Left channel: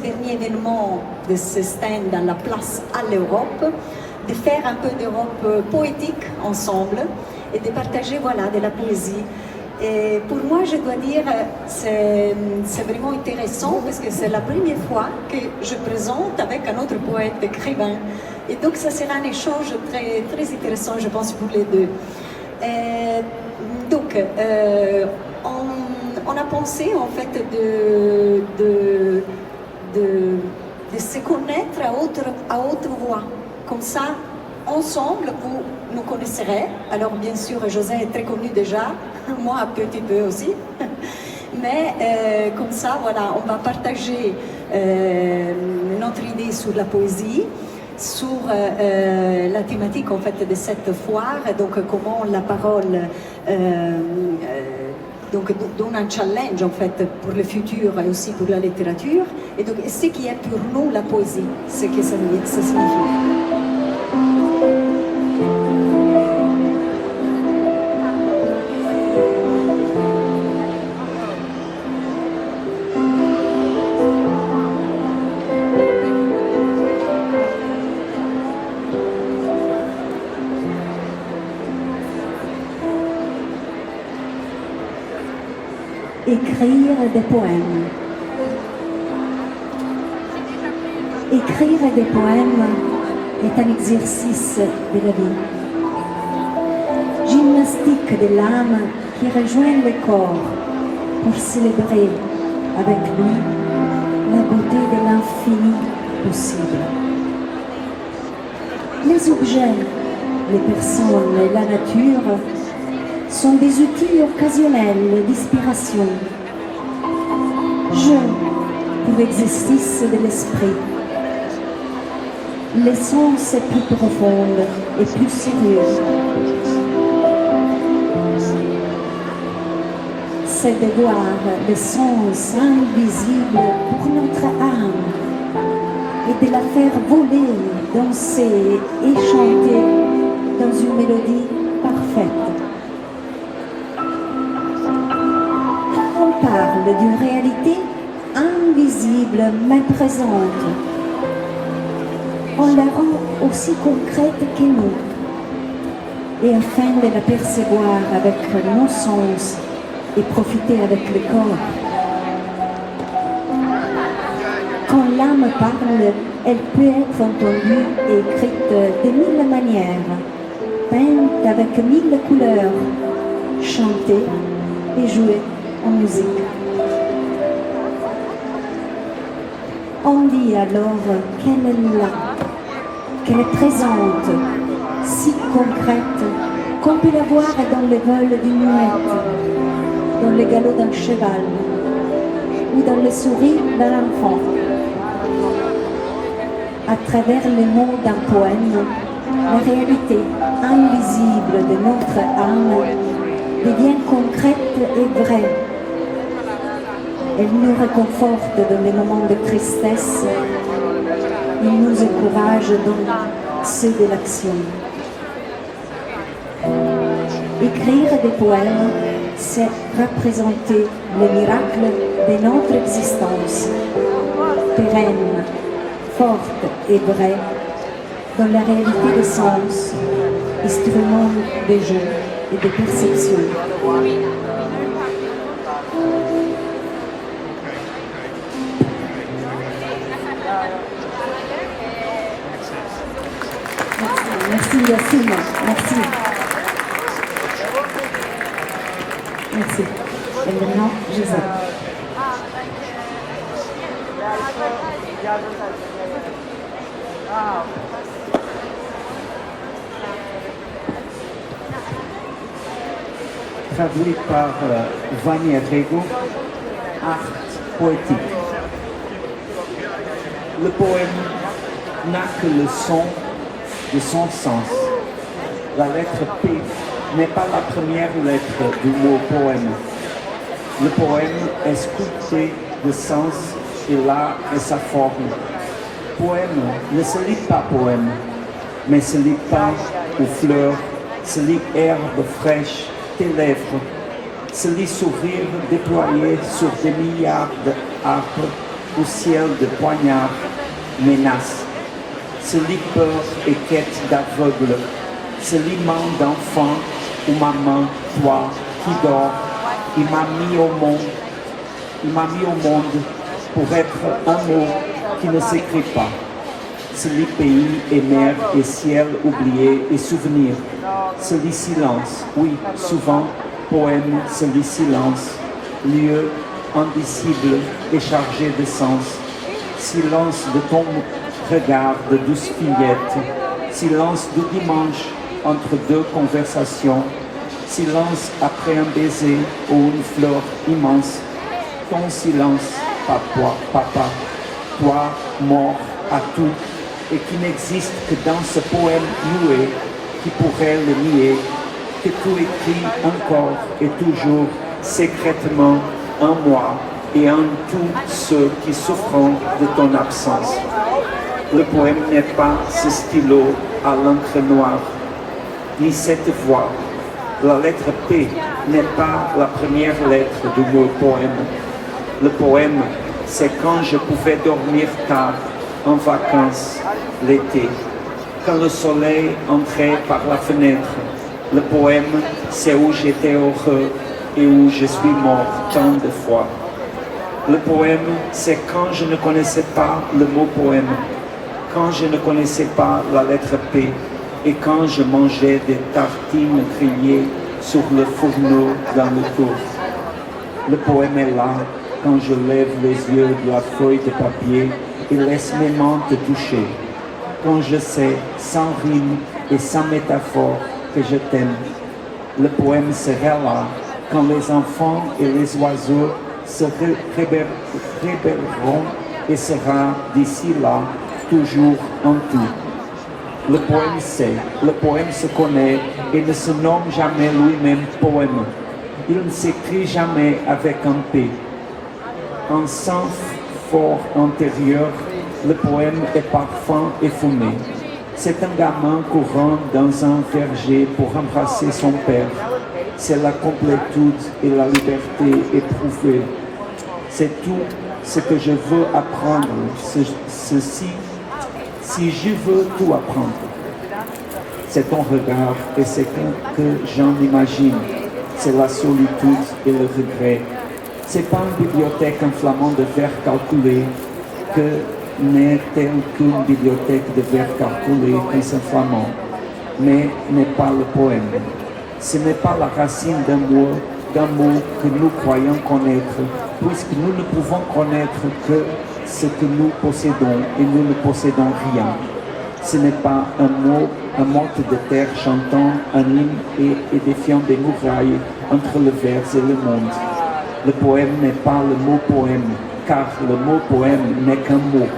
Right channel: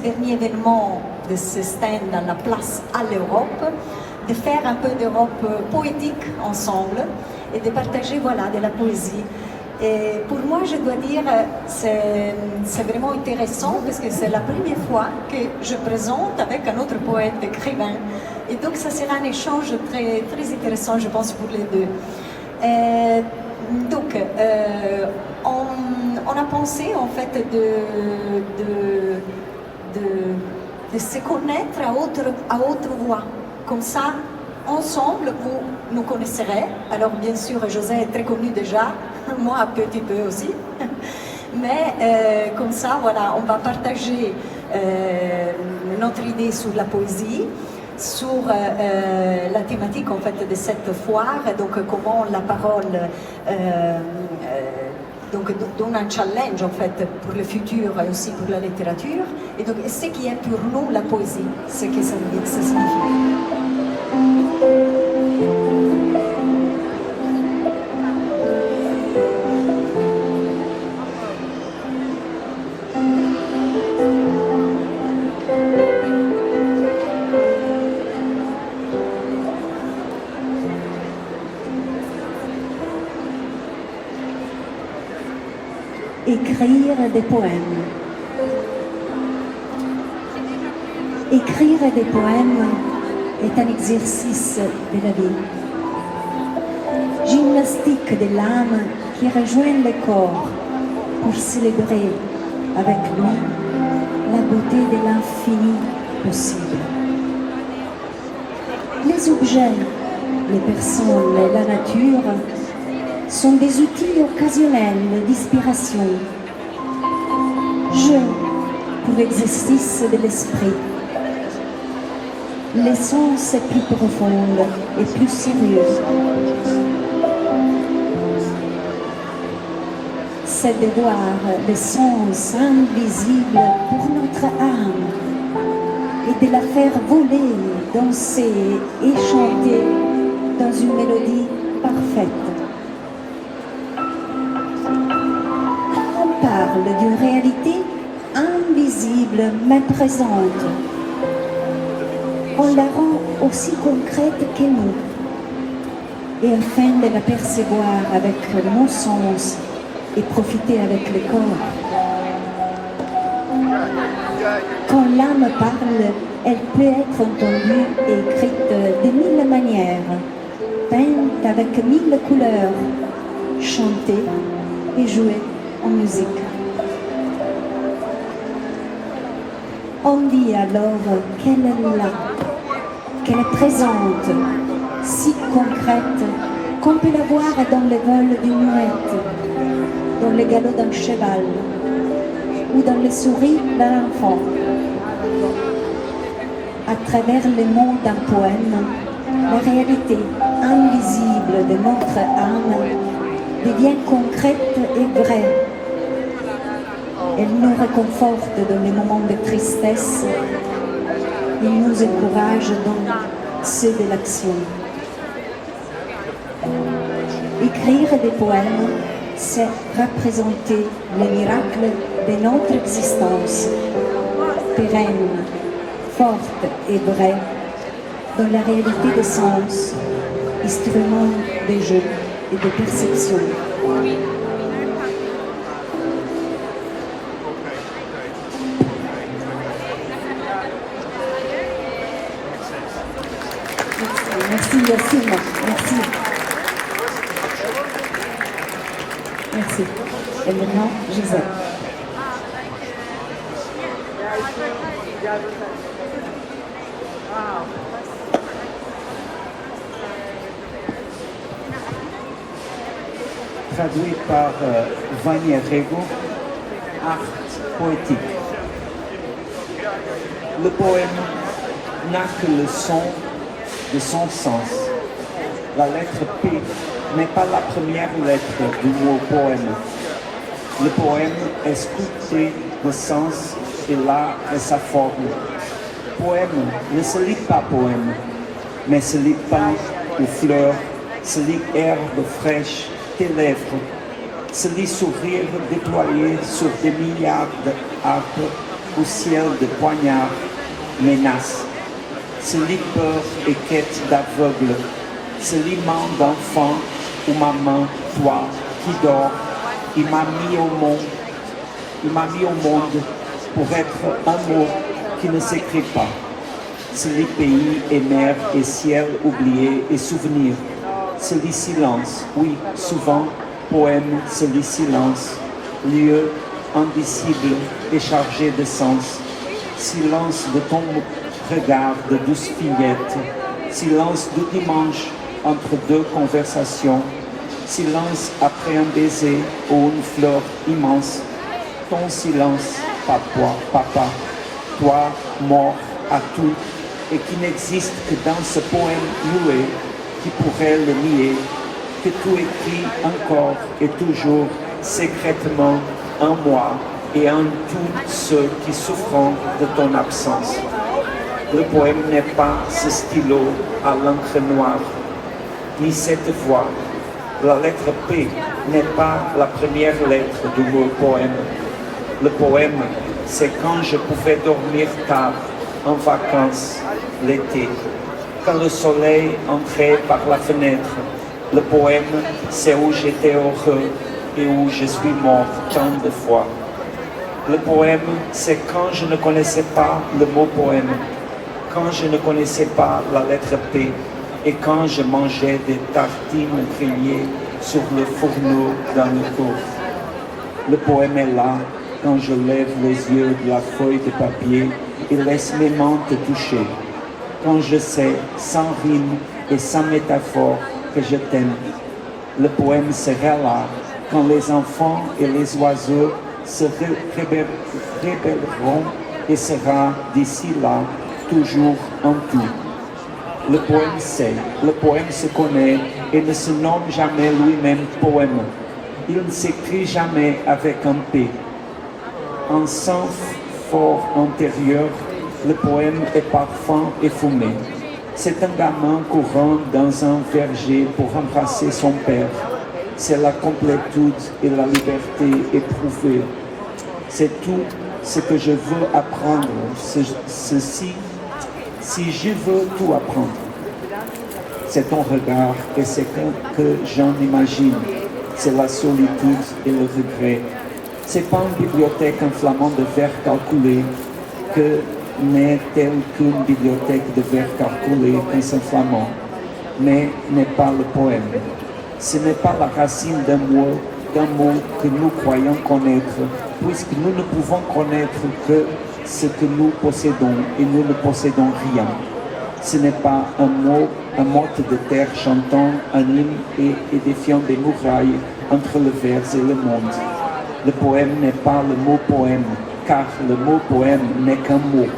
dernier événement de ce stand dans la place à l'Europe, de faire un peu d'Europe poétique ensemble et de partager voilà, de la poésie. Et pour moi, je dois dire, c'est vraiment intéressant parce que c'est la première fois que je présente avec un autre poète écrivain. Et donc, ça sera un échange très, très intéressant, je pense, pour les deux. On a pensé, en fait, de se connaître à haute voix. Comme ça, ensemble, vous nous connaisserez. Alors, bien sûr, José est très connu déjà, moi un petit peu aussi. Mais comme ça, voilà, on va partager notre idée sur la poésie, sur la thématique en fait de cette foire, donc comment la parole donc donne un challenge en fait pour le futur et aussi pour la littérature, et donc ce qui est pour nous la poésie, ce que ça signifie. Écrire des poèmes. Écrire des poèmes est un exercice de la vie. Gymnastique de l'âme qui rejoint le corps pour célébrer avec lui la beauté de l'infini possible. Les objets, les personnes et la nature sont des outils occasionnels d'inspiration. Jeu pour l'exercice de l'esprit. L'essence est plus profonde et plus sérieuse. C'est de voir l'essence invisible pour notre âme et de la faire voler, danser et chanter dans une mélodie parfaite. On parle d'une réalité invisible mais présente. On la rend aussi concrète que nous. Et afin de la percevoir avec nos sens et profiter avec le corps. Quand l'âme parle, elle peut être entendue et écrite de mille manières, peinte avec mille couleurs, chantée et jouée en musique. On dit alors qu'elle est là, qu'elle est présente, si concrète qu'on peut la voir dans le vol d'une muette, dans le galop d'un cheval ou dans le sourire d'un enfant. À travers les mots d'un poème, la réalité invisible de notre âme devient concrète et vraie. Elle nous réconforte dans les moments de tristesse. Il nous encourage dans ceux de l'action. Écrire des poèmes, c'est représenter le miracle de notre existence, pérenne, forte et vraie, dans la réalité des sens, instrument de jeu et de perception. Merci Yacine, merci. Merci. Et maintenant, Joseph. Traduit par Vania Rego, Art poétique. Le poème n'a que le son de son sens. La lettre P n'est pas la première lettre du mot poème. Le poème est sculpté de sens et l'art est sa forme. Poème ne se lit pas poème, mais se lit pain ou fleurs, se lit herbe fraîche, tes lèvres, se lit sourire déployé sur des milliards d'arbres où ciel de poignards menace. Ce lit peur et quête d'aveugle, ce lit main d'enfant ou maman, toi qui dors, il m'a mis au monde pour être un mot qui ne s'écrit pas. Ce lit pays et mer et ciel oublié et souvenir. Ce lit silence, oui, souvent, poème, ce lit silence, lieu indicible et chargé de sens. Silence de ton regard de douce fillette, silence du dimanche entre deux conversations, silence après un baiser ou une fleur immense. Ton silence, papa, toi, mort à tout, et qui n'existe que dans ce poème muet qui pourrait le nier, que tu écris encore et toujours secrètement en moi et en tous ceux qui souffrent de ton absence. Le poème n'est pas ce stylo à l'encre noire, ni cette voix. La lettre P n'est pas la première lettre du mot poème. Le poème, c'est quand je pouvais dormir tard, en vacances, l'été, quand le soleil entrait par la fenêtre. Le poème, c'est où j'étais heureux et où je suis mort tant de fois. Le poème, c'est quand je ne connaissais pas le mot poème, quand je ne connaissais pas la lettre P et quand je mangeais des tartines grillées sur le fourneau dans le tour. Le poème est là quand je lève les yeux de la feuille de papier et laisse mes mains te toucher. Quand je sais, sans rime et sans métaphore, que je t'aime. Le poème sera là quand les enfants et les oiseaux se rébelleront et sera d'ici là toujours en tout. Le poème sait, le poème se connaît et ne se nomme jamais lui-même poème. Il ne s'écrit jamais avec un P. En sang fort intérieur, le poème est parfum et fumé. C'est un gamin courant dans un verger pour embrasser son père. C'est la complétude et la liberté éprouvée. C'est tout ce que je veux apprendre, ceci, si je veux tout apprendre. C'est ton regard et c'est ce que j'en imagine. C'est la solitude et le regret. C'est pas une bibliothèque inflammante de vers calculés que n'est telle qu'une bibliothèque de vers calculés qu'un s'inflammant, mais n'est pas le poème. Ce n'est pas la racine d'un mot que nous croyons connaître, puisque nous ne pouvons connaître que ce que nous possédons et nous ne possédons rien. Ce n'est pas un mot de terre chantant un hymne et édifiant des murailles entre le vers et le monde. Le poème n'est pas le mot poème, car le mot poème n'est qu'un mot.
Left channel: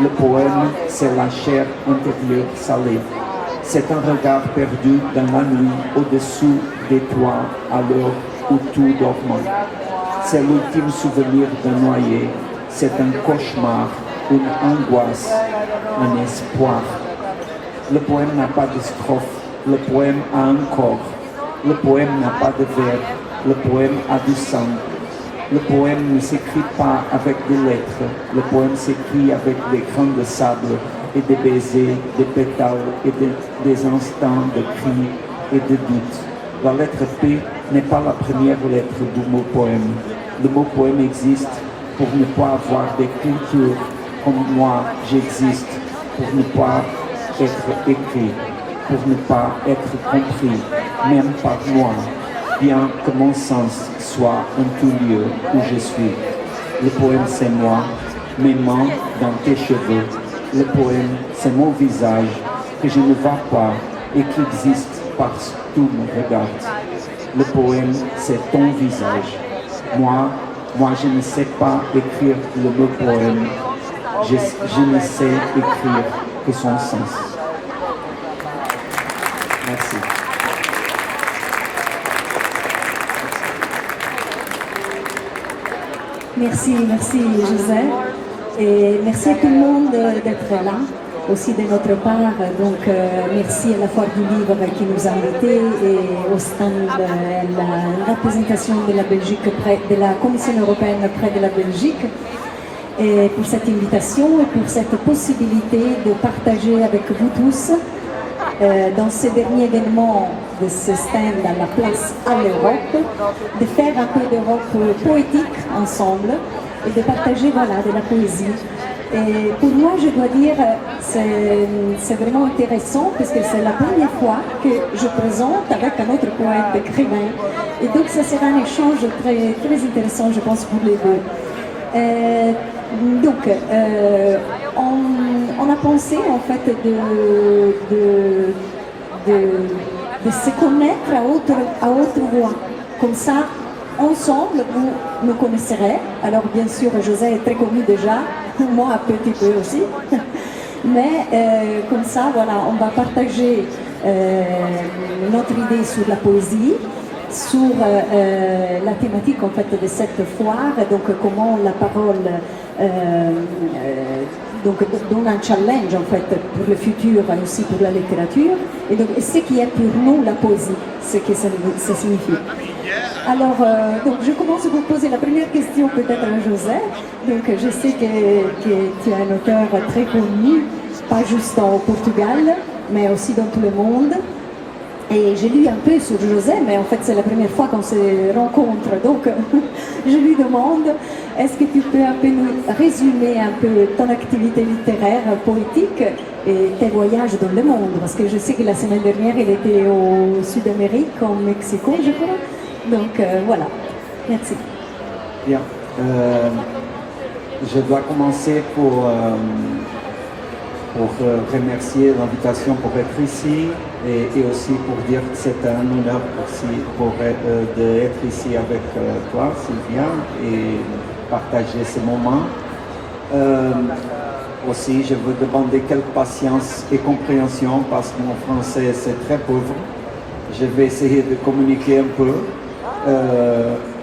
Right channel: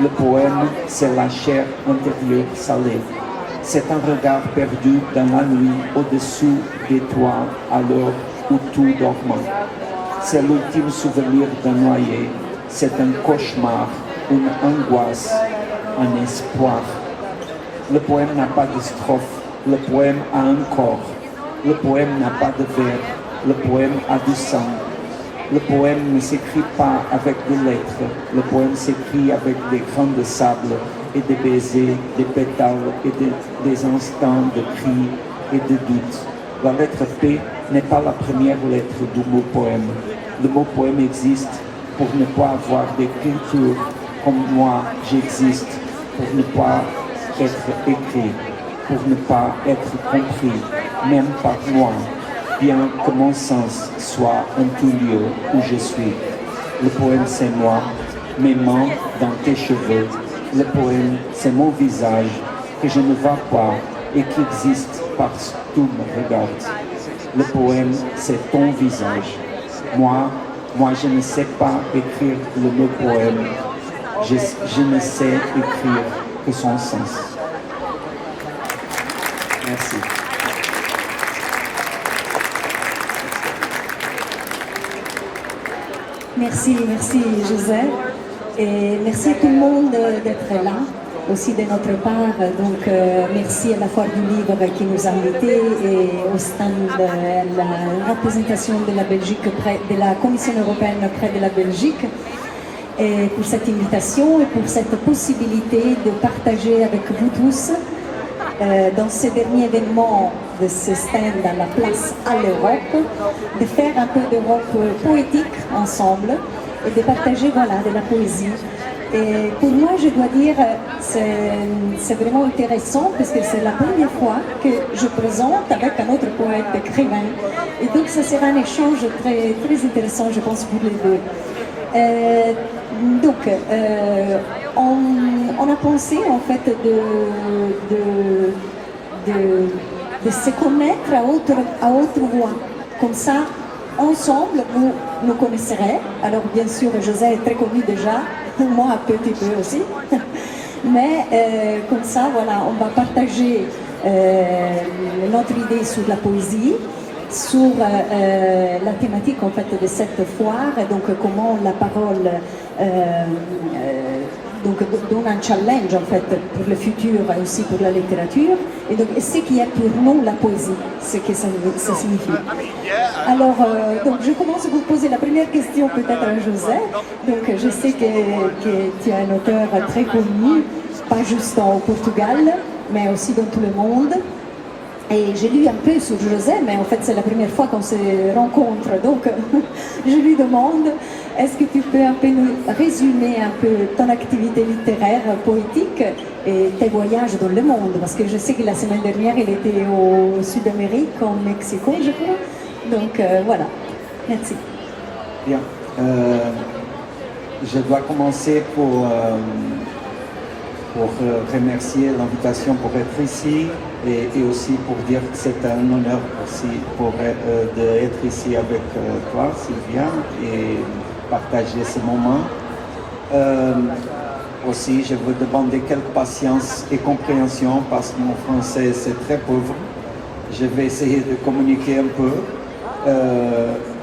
Le poème, c'est la chair intérieure salée. C'est un regard perdu dans la nuit au-dessous des toits à l'heure où tout dormant. C'est l'ultime souvenir d'un noyé. C'est un cauchemar, une angoisse, un espoir. Le poème n'a pas de strophe. Le poème a un corps. Le poème n'a pas de vers. Le poème a du sang. Le poème ne s'écrit pas avec des lettres. Le poème s'écrit avec des grains de sable et des baisers, des pétales et des instants de cris et de doutes. La lettre P n'est pas la première lettre du mot poème. Le mot poème existe pour ne pas avoir des cultures comme moi j'existe, pour ne pas être écrit, pour ne pas être compris, même par moi, bien que mon sens soit un tout lieu où je suis. Le poème c'est moi, mes mains dans tes cheveux. Le poème c'est mon visage que je ne vois pas et qui existe parce que tout me regarde. Le poème c'est ton visage. Moi je ne sais pas écrire le mot poème. Je ne sais écrire que son sens. Merci. Merci José. Et merci à tout le monde d'être là, aussi de notre part. Donc merci à la Foire du Livre qui nous a invités et au stand, la représentation de la Belgique de la Commission européenne auprès de la Belgique. et pour cette invitation et pour cette possibilité de partager avec vous tous dans ce dernier événement de ce stand à la place à l'Europe, de faire un peu d'Europe poétique ensemble et de partager voilà, de la poésie. Et pour moi, je dois dire, c'est vraiment intéressant parce que c'est la première fois que je présente avec un autre poète écrivain. Et donc, ce sera un échange très, très intéressant, je pense, pour les deux. On a pensé en fait de se connaître à haute voix. Comme ça, ensemble, vous nous connaisserez. Alors bien sûr, José est très connu déjà, moi un petit peu aussi. Mais comme ça, voilà, on va partager notre idée sur la poésie, sur la thématique en fait de cette foire, donc comment la parole donc donne un challenge en fait pour le futur aussi pour la littérature et donc ce qui est pour nous la poésie, ce que ça signifie. Alors donc je commence à vous poser la première question peut-être à José. Donc je sais que tu es un auteur très connu, pas juste au Portugal, mais aussi dans tout le monde. Et j'ai lu un peu sur José, mais en fait c'est la première fois qu'on se rencontre, donc je lui demande, est-ce que tu peux un peu nous résumer un peu ton activité littéraire, poétique et tes voyages dans le monde? Parce que je sais que la semaine dernière il était au Sud-Amérique, au Mexico je crois, donc voilà, merci. Bien, je dois commencer pour remercier l'invitation pour être ici. Et aussi pour dire que c'est un honneur aussi d'être ici avec toi, Sylvia, et partager ce moment. Aussi, je veux demander quelques patience et compréhension parce que mon français c'est très pauvre. Je vais essayer de communiquer un peu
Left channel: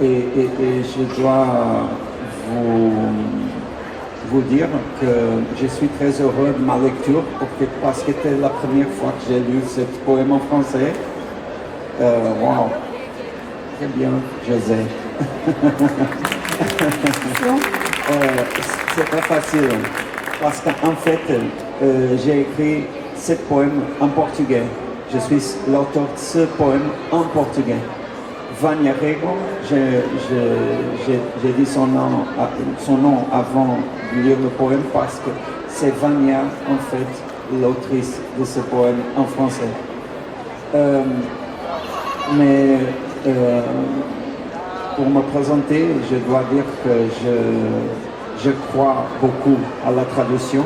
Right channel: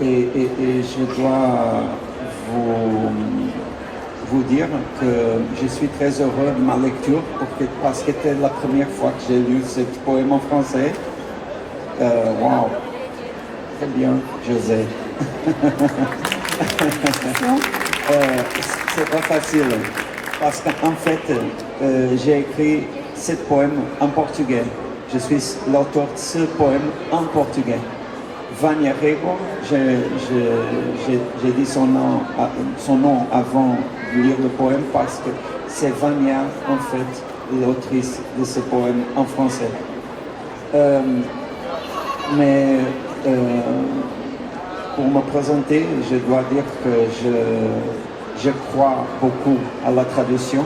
et je dois vous dire que je suis très heureux de ma lecture parce que c'était la première fois que j'ai lu ce poème en français. Wow, très bien, José. C'est pas facile parce qu'en fait, j'ai écrit ce poème en portugais. Je suis l'auteur de ce poème en portugais. Vânia Rego, j'ai dit son nom avant de lire le poème parce que c'est Vânia, en fait, l'autrice de ce poème en français. Pour me présenter, je dois dire que je crois beaucoup à la traduction.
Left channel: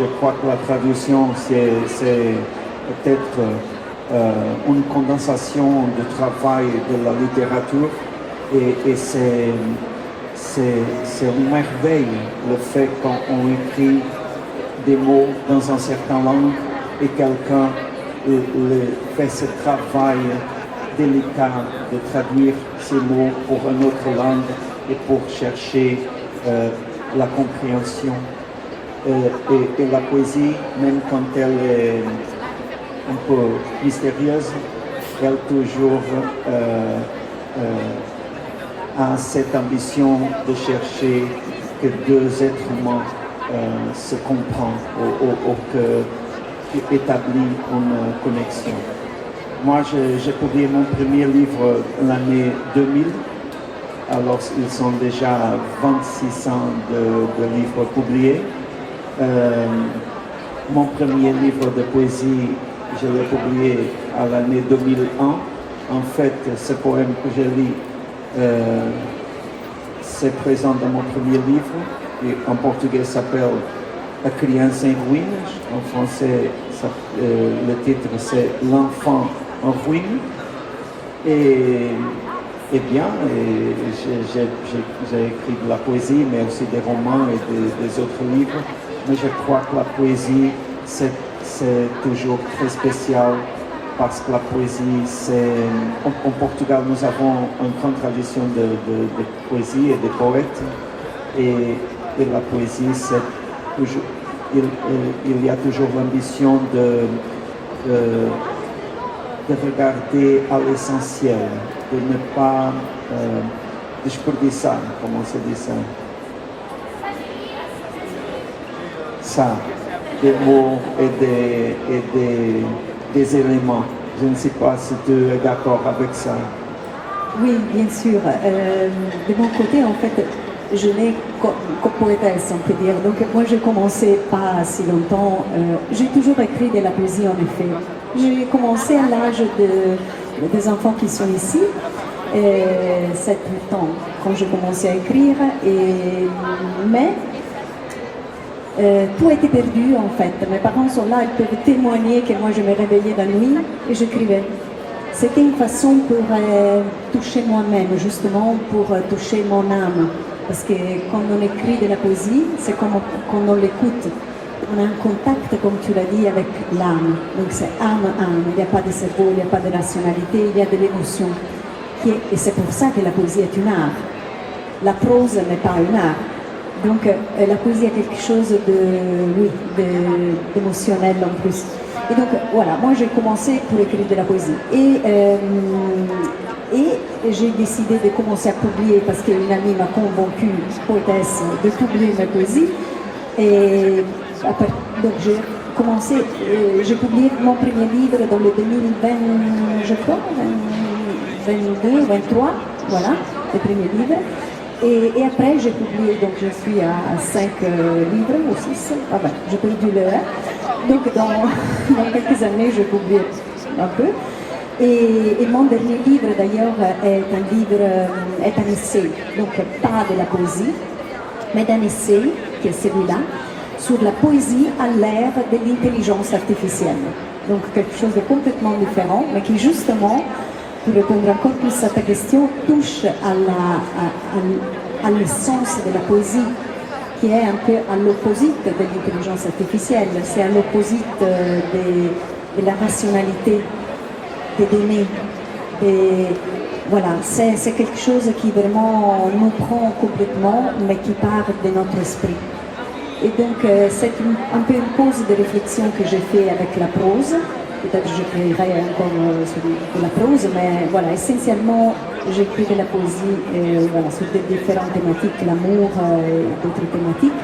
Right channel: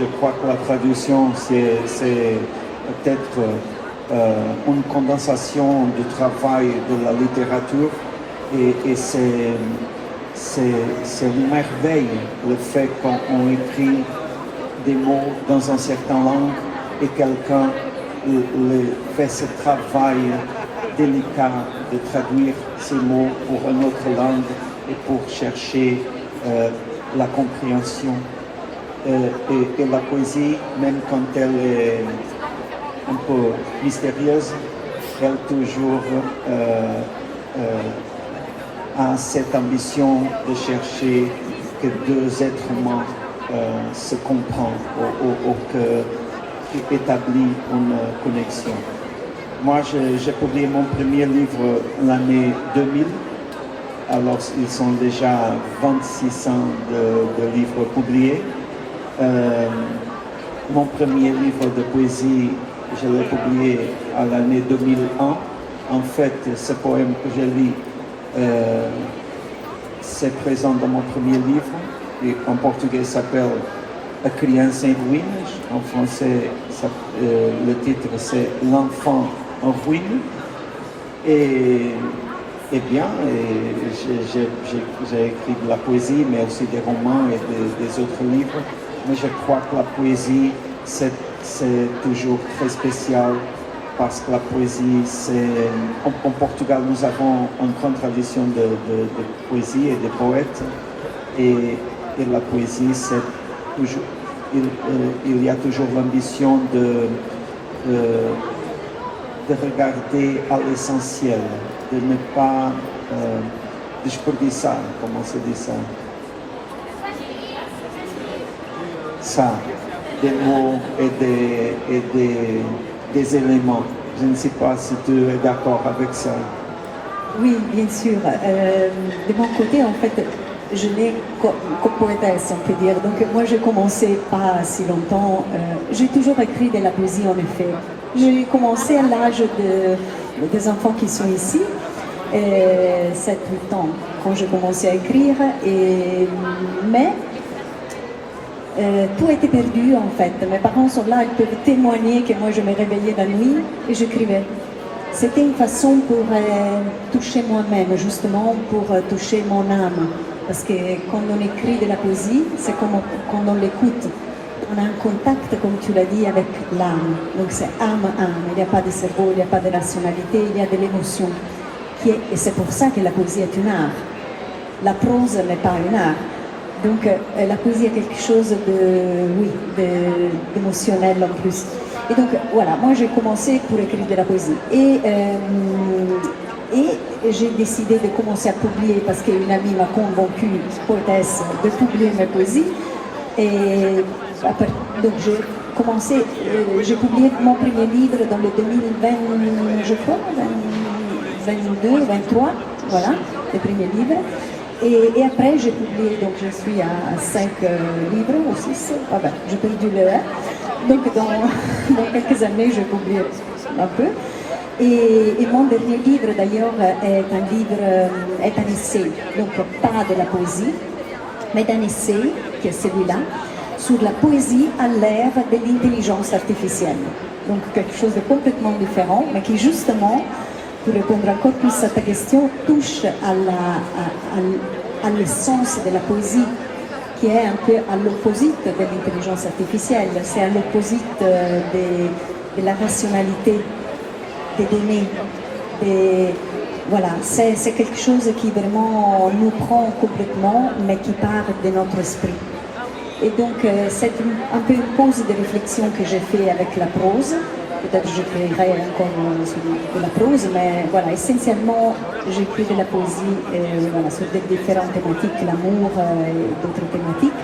Je crois que la traduction, c'est peut-être une condensation du travail de la littérature et c'est une merveille le fait qu'on écrit des mots dans une certaine langue et quelqu'un fait ce travail délicat de traduire ces mots pour une autre langue et pour chercher la compréhension. Et la poésie, même quand elle est un peu mystérieuse, elle toujours a cette ambition de chercher que deux êtres humains se comprennent ou établissent une connexion. Moi, j'ai publié mon premier livre l'année 2000, alors ils sont déjà 26 ans de livres publiés. Mon premier livre de poésie, je l'ai publié à l'année 2001. En fait, ce poème que je lis, c'est présent dans mon premier livre, et en portugais s'appelle A Criança em Ruínas. En français, le titre c'est L'enfant en ruine. Et bien, j'ai écrit de la poésie, mais aussi des romans et des autres livres. Mais je crois que la poésie, c'est toujours très spécial parce que la poésie, en Portugal, nous avons une grande tradition de poésie et de poètes. Et la poésie, c'est toujours, il y a toujours l'ambition de regarder à l'essentiel, de ne pas desperdiciar, comment on se dit ça. ça, des mots et des éléments. Je ne sais pas si tu es d'accord avec ça. Oui, bien sûr. De mon côté, en fait, je n'ai comme poétesse, on peut dire. Donc moi, j'ai commencé pas si longtemps. J'ai toujours écrit de la poésie, en effet. J'ai commencé à l'âge des enfants qui sont ici, 7-8 ans, quand j'ai commencé à écrire. Mais tout a été perdu, en fait. Mes parents sont là, ils peuvent témoigner que moi, je me réveillais la nuit et j'écrivais. C'était une façon pour toucher moi-même, justement, pour toucher mon âme. Parce que quand on écrit de la poésie, c'est comme quand on l'écoute. On a un contact, comme tu l'as dit, avec l'âme. Donc c'est âme-âme. Il n'y a pas de cerveau, il n'y a pas de rationalité, il y a de l'émotion. Et c'est pour ça que la poésie est une art. La prose n'est pas un art. Donc la poésie est quelque chose d'émotionnel en plus. Et donc voilà, moi j'ai commencé pour écrire de la poésie. Et j'ai décidé de commencer à publier parce qu'une amie m'a convaincue, poétesse, de publier ma poésie. Et après, donc j'ai publié mon premier livre dans le 2020, je crois, 22, 23, voilà, le premier livre. Et après, j'ai publié, donc je suis à 5 livres ou 6, j'ai perdu l'heure. Donc dans quelques années, je publie un peu. Et mon dernier livre, d'ailleurs, est un essai, donc pas de la poésie, mais d'un essai, qui est celui-là, sur la poésie à l'ère de l'intelligence artificielle. Donc quelque chose de complètement différent, mais qui justement, pour répondre encore plus à ta question, touche à l'essence de la poésie, qui est un peu à l'opposite de l'intelligence artificielle. C'est à l'opposite de la rationalité des données. Voilà, c'est quelque chose qui vraiment nous prend complètement, mais qui part de notre esprit. Et donc, c'est un peu une pause de réflexion que j'ai fait avec la prose. Peut-être que je créerai encore sur de la prose, mais voilà, essentiellement, j'écris de la poésie voilà, sur des différentes thématiques, l'amour et d'autres thématiques.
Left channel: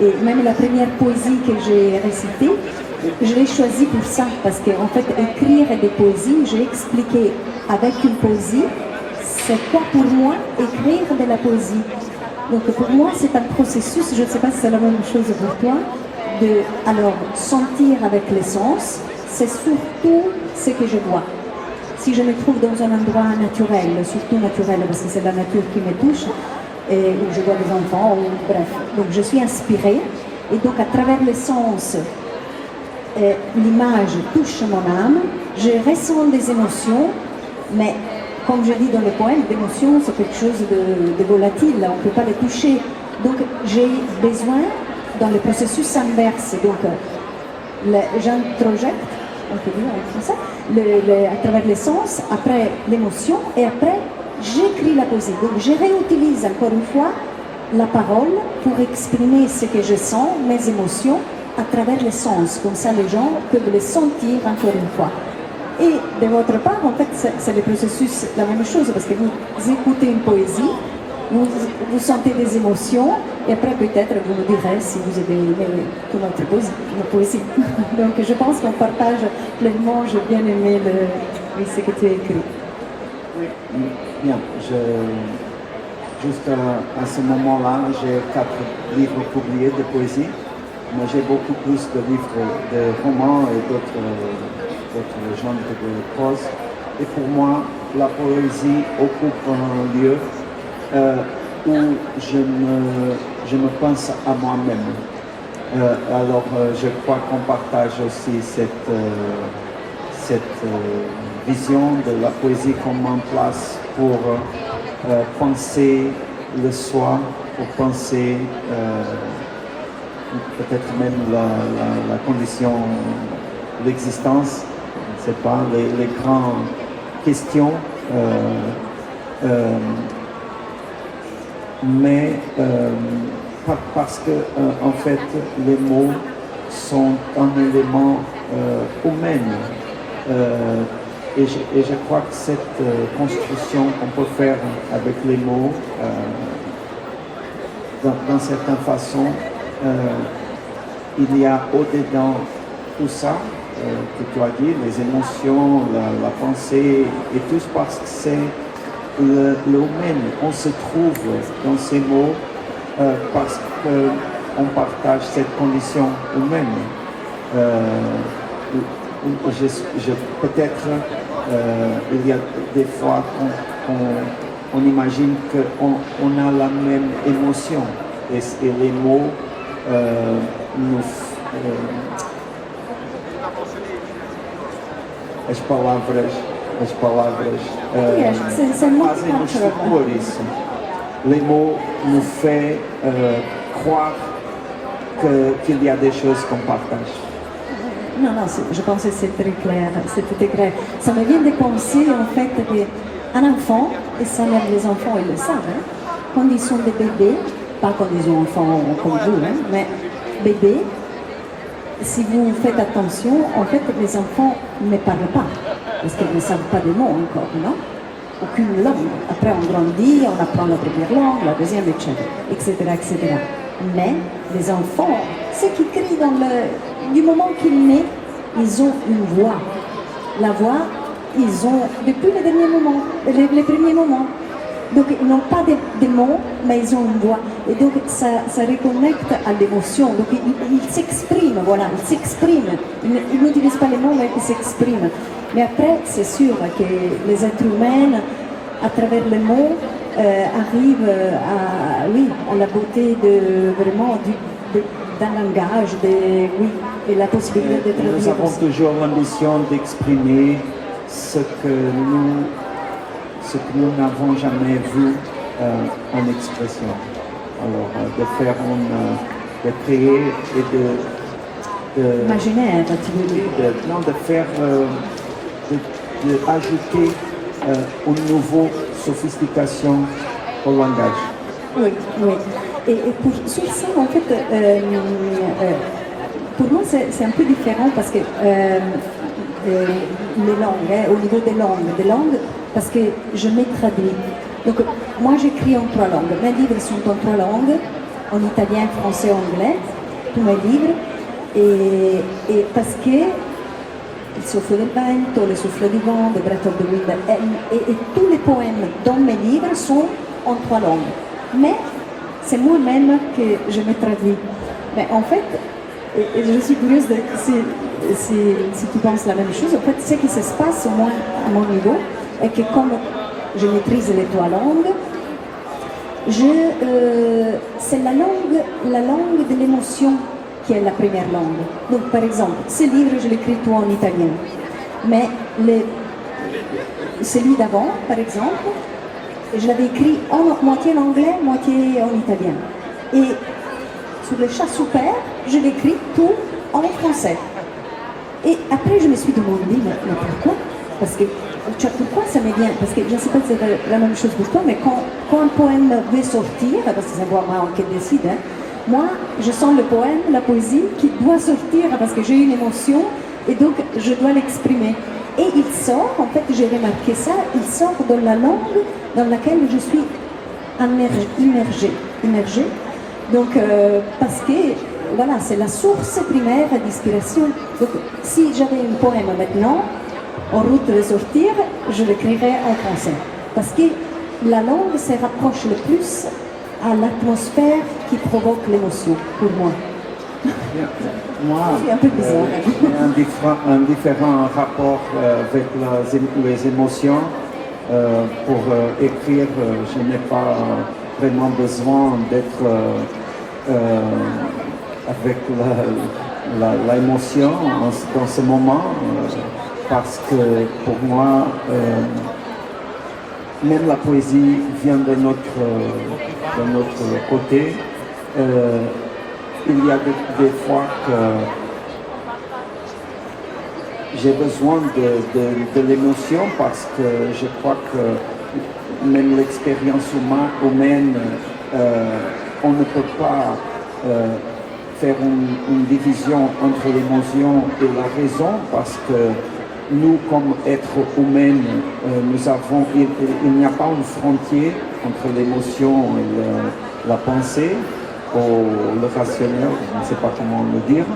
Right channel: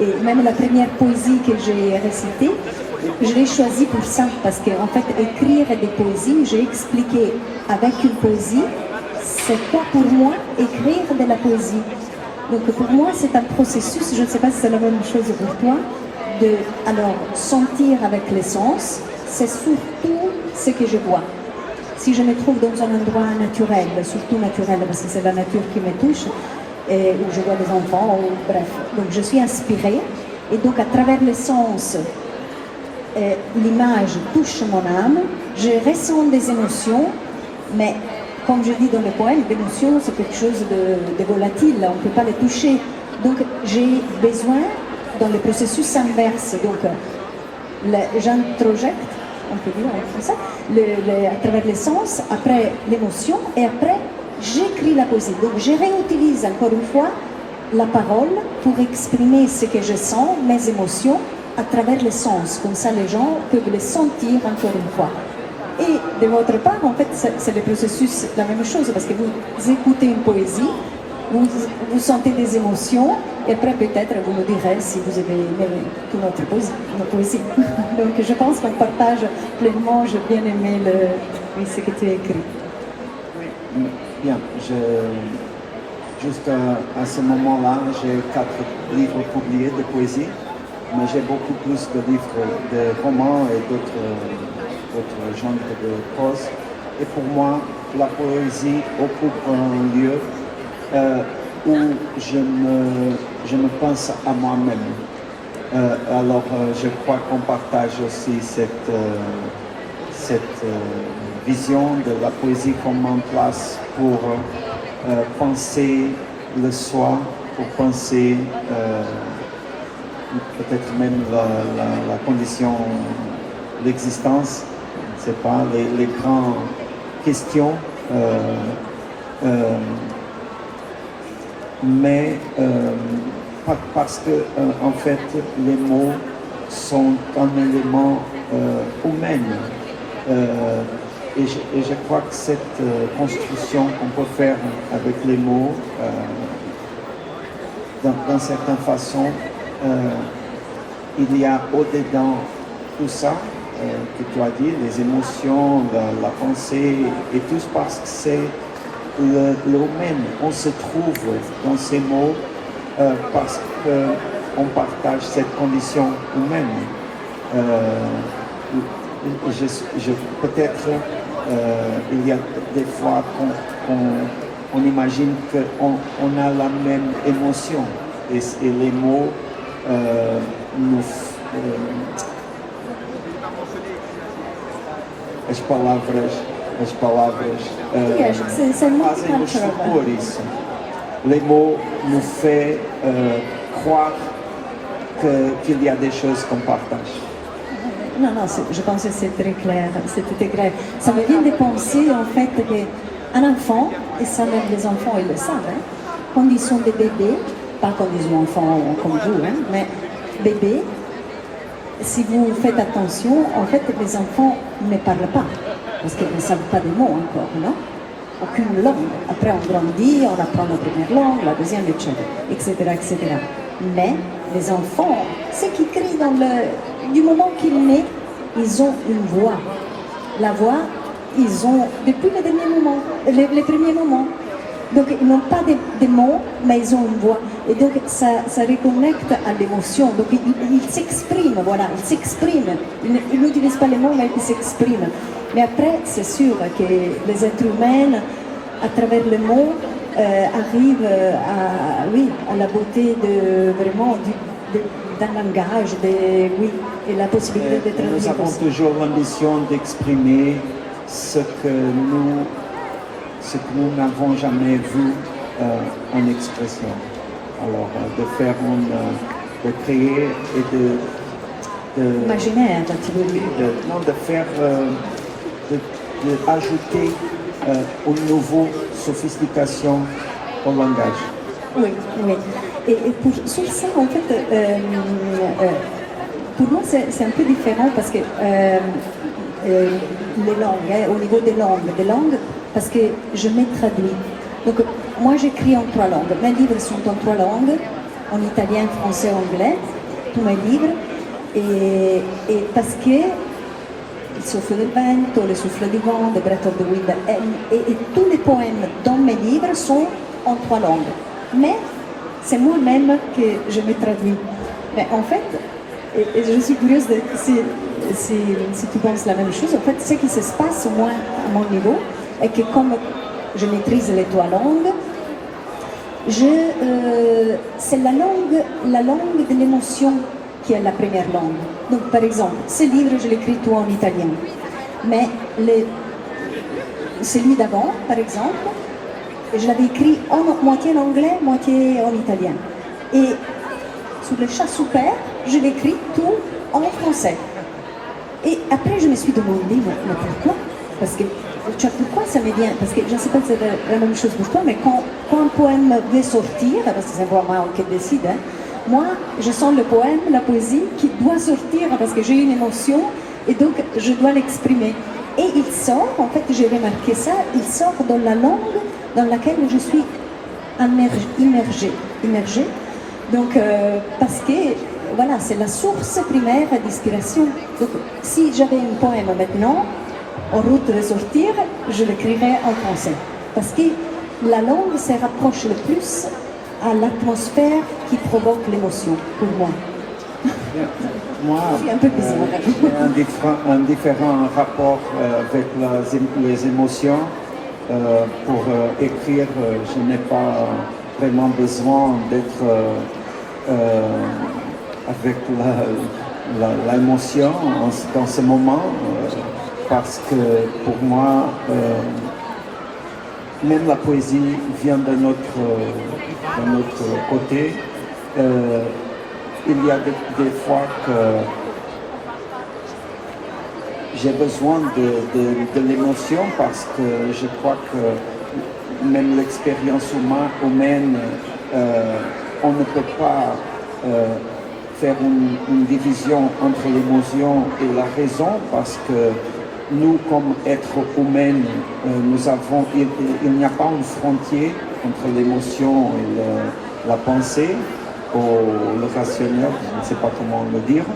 Et même la première poésie que j'ai récitée, je l'ai choisie pour ça, parce qu'en fait, écrire des poésies, j'ai expliqué avec une poésie, c'est quoi pour moi écrire de la poésie. Donc pour moi, c'est un processus, je ne sais pas si c'est la même chose pour toi, alors sentir avec les sens, c'est surtout ce que je vois. Si je me trouve dans un endroit naturel, surtout naturel, parce que c'est la nature qui me touche, où je vois des enfants, bref. Donc je suis inspirée, et donc à travers les sens, l'image touche mon âme, je ressens des émotions, mais comme je dis dans le poème, l'émotion c'est quelque chose de volatile, on ne peut pas les toucher. Donc j'ai besoin, dans le processus inverse, donc j'introjecte, on peut dire comme ça, à travers les sens, après l'émotion, et après j'écris la poésie. Donc je réutilise encore une fois la parole pour exprimer ce que je sens, mes émotions, à travers les sens. Comme ça, les gens peuvent les sentir encore une fois. Et de votre part, en fait, c'est le processus, la même chose, parce que vous écoutez une poésie, vous sentez des émotions, et après peut-être vous me direz si vous avez aimé notre poésie. Donc je pense qu'on partage pleinement, j'ai bien aimé ce que tu as écrit. Oui, bien. Juste à ce moment-là, j'ai 4 livres publiés de poésie, mais j'ai beaucoup plus de livres de romans et d'autres genres de prose. Et pour moi, la poésie occupe un lieu où je me pense à moi-même. Alors je crois qu'on partage aussi cette vision de la poésie comme en place pour penser le soi, pour penser peut-être même la condition, l'existence, je ne sais pas, les grandes questions. Mais parce que en fait les mots sont un élément humain et je crois que cette construction qu'on peut faire avec les mots d'une certaine façon il y a au-dedans tout ça que tu as dit, les émotions, la pensée et tout, parce que c'est l'humain. On se trouve dans ces mots parce qu'on partage cette condition humaine. Peut-être il y a des fois qu'on imagine qu'on a la même émotion et les mots nous as palavras fazem-nos supor isso. Les mots nous font croire qu'il y a des choses qu'on partage. Non, je pense que c'est très clair, c'est tout est clair. Ça me vient de penser en fait qu'un enfant, et ça même les enfants ils le savent, hein, quand ils sont des bébés, pas quand ils sont enfants comme vous, hein, mais bébés, si vous faites attention, en fait les enfants ne parlent pas, parce qu'ils ne savent pas des mots encore, non? Aucune langue. Après on grandit, on apprend la première langue, la deuxième, etc. Mais les enfants, ceux qui crient du moment qu'ils naissent, ils ont une voix. La voix, ils ont depuis les derniers moments, les premiers moments. Donc ils n'ont pas des mots, mais ils ont une voix. Et donc ça reconnecte à l'émotion. Donc ils s'expriment, voilà, ils s'expriment. Ils n'utilisent pas les mots, mais ils s'expriment. Mais après, c'est sûr que les êtres humains, à travers les mots, arrivent à la beauté d'un langage, et la possibilité de traduire. Nous avons toujours l'ambition d'exprimer ce que nous n'avons jamais vu en expression. Alors, de faire de créer et imaginaire, tu veux dire. De faire, d'ajouter une nouvelle sophistication au langage. Oui. Et sur ça, en fait, pour moi, c'est un peu différent parce que les langues, au niveau des langues, parce que je me traduis. Donc, moi, j'écris en 3 langues. Mes livres sont en 3 langues, en italien, français, anglais, tous mes livres. Et parce que Il soffio del vento, Le souffle du vent, The Breath of the Wind, et tous les poèmes dans mes livres sont en 3 langues. Mais c'est moi-même que je me traduis. Mais en fait, et je suis curieuse si tu penses la même chose, en fait, ce qui se passe à mon niveau est que comme je maîtrise les 3 langues, c'est la langue de l'émotion qui est la première langue. Donc, par exemple, ce livre, je l'écris tout en italien. Mais celui d'avant, par exemple, je l'avais écrit moitié en anglais, moitié en italien. Et sur le chat super, je l'écris tout en français. Et après, je me suis demandé, mais pourquoi? Parce que, pourquoi ça me vient? Parce que je ne sais pas si c'est la même chose pour toi, mais quand un poème veut sortir, parce que c'est moi qui décide, hein, moi, je sens le poème, la poésie qui doit sortir parce que j'ai une émotion et donc je dois l'exprimer. Et il sort, en fait, j'ai remarqué ça, il sort dans la langue dans laquelle je suis immergée. Donc, parce que, voilà, c'est la source primaire d'inspiration. Donc, si j'avais un poème maintenant, en route de le sortir, je l'écrirais en français. Parce que la langue se rapproche le plus à l'atmosphère qui provoque l'émotion, pour moi. Moi, c'est un peu bizarre. Un différent rapport avec les émotions. Pour écrire, je n'ai pas vraiment besoin d'être avec l'émotion dans ce moment, parce que pour moi, même la poésie vient de notre côté. Il y a des fois que j'ai besoin de l'émotion parce que je crois que même l'expérience humaine, on ne peut pas faire une division entre l'émotion et la raison parce que nous, comme êtres humains, il n'y a pas une frontière entre l'émotion et la pensée. le rationnel, je ne sais pas comment le dire.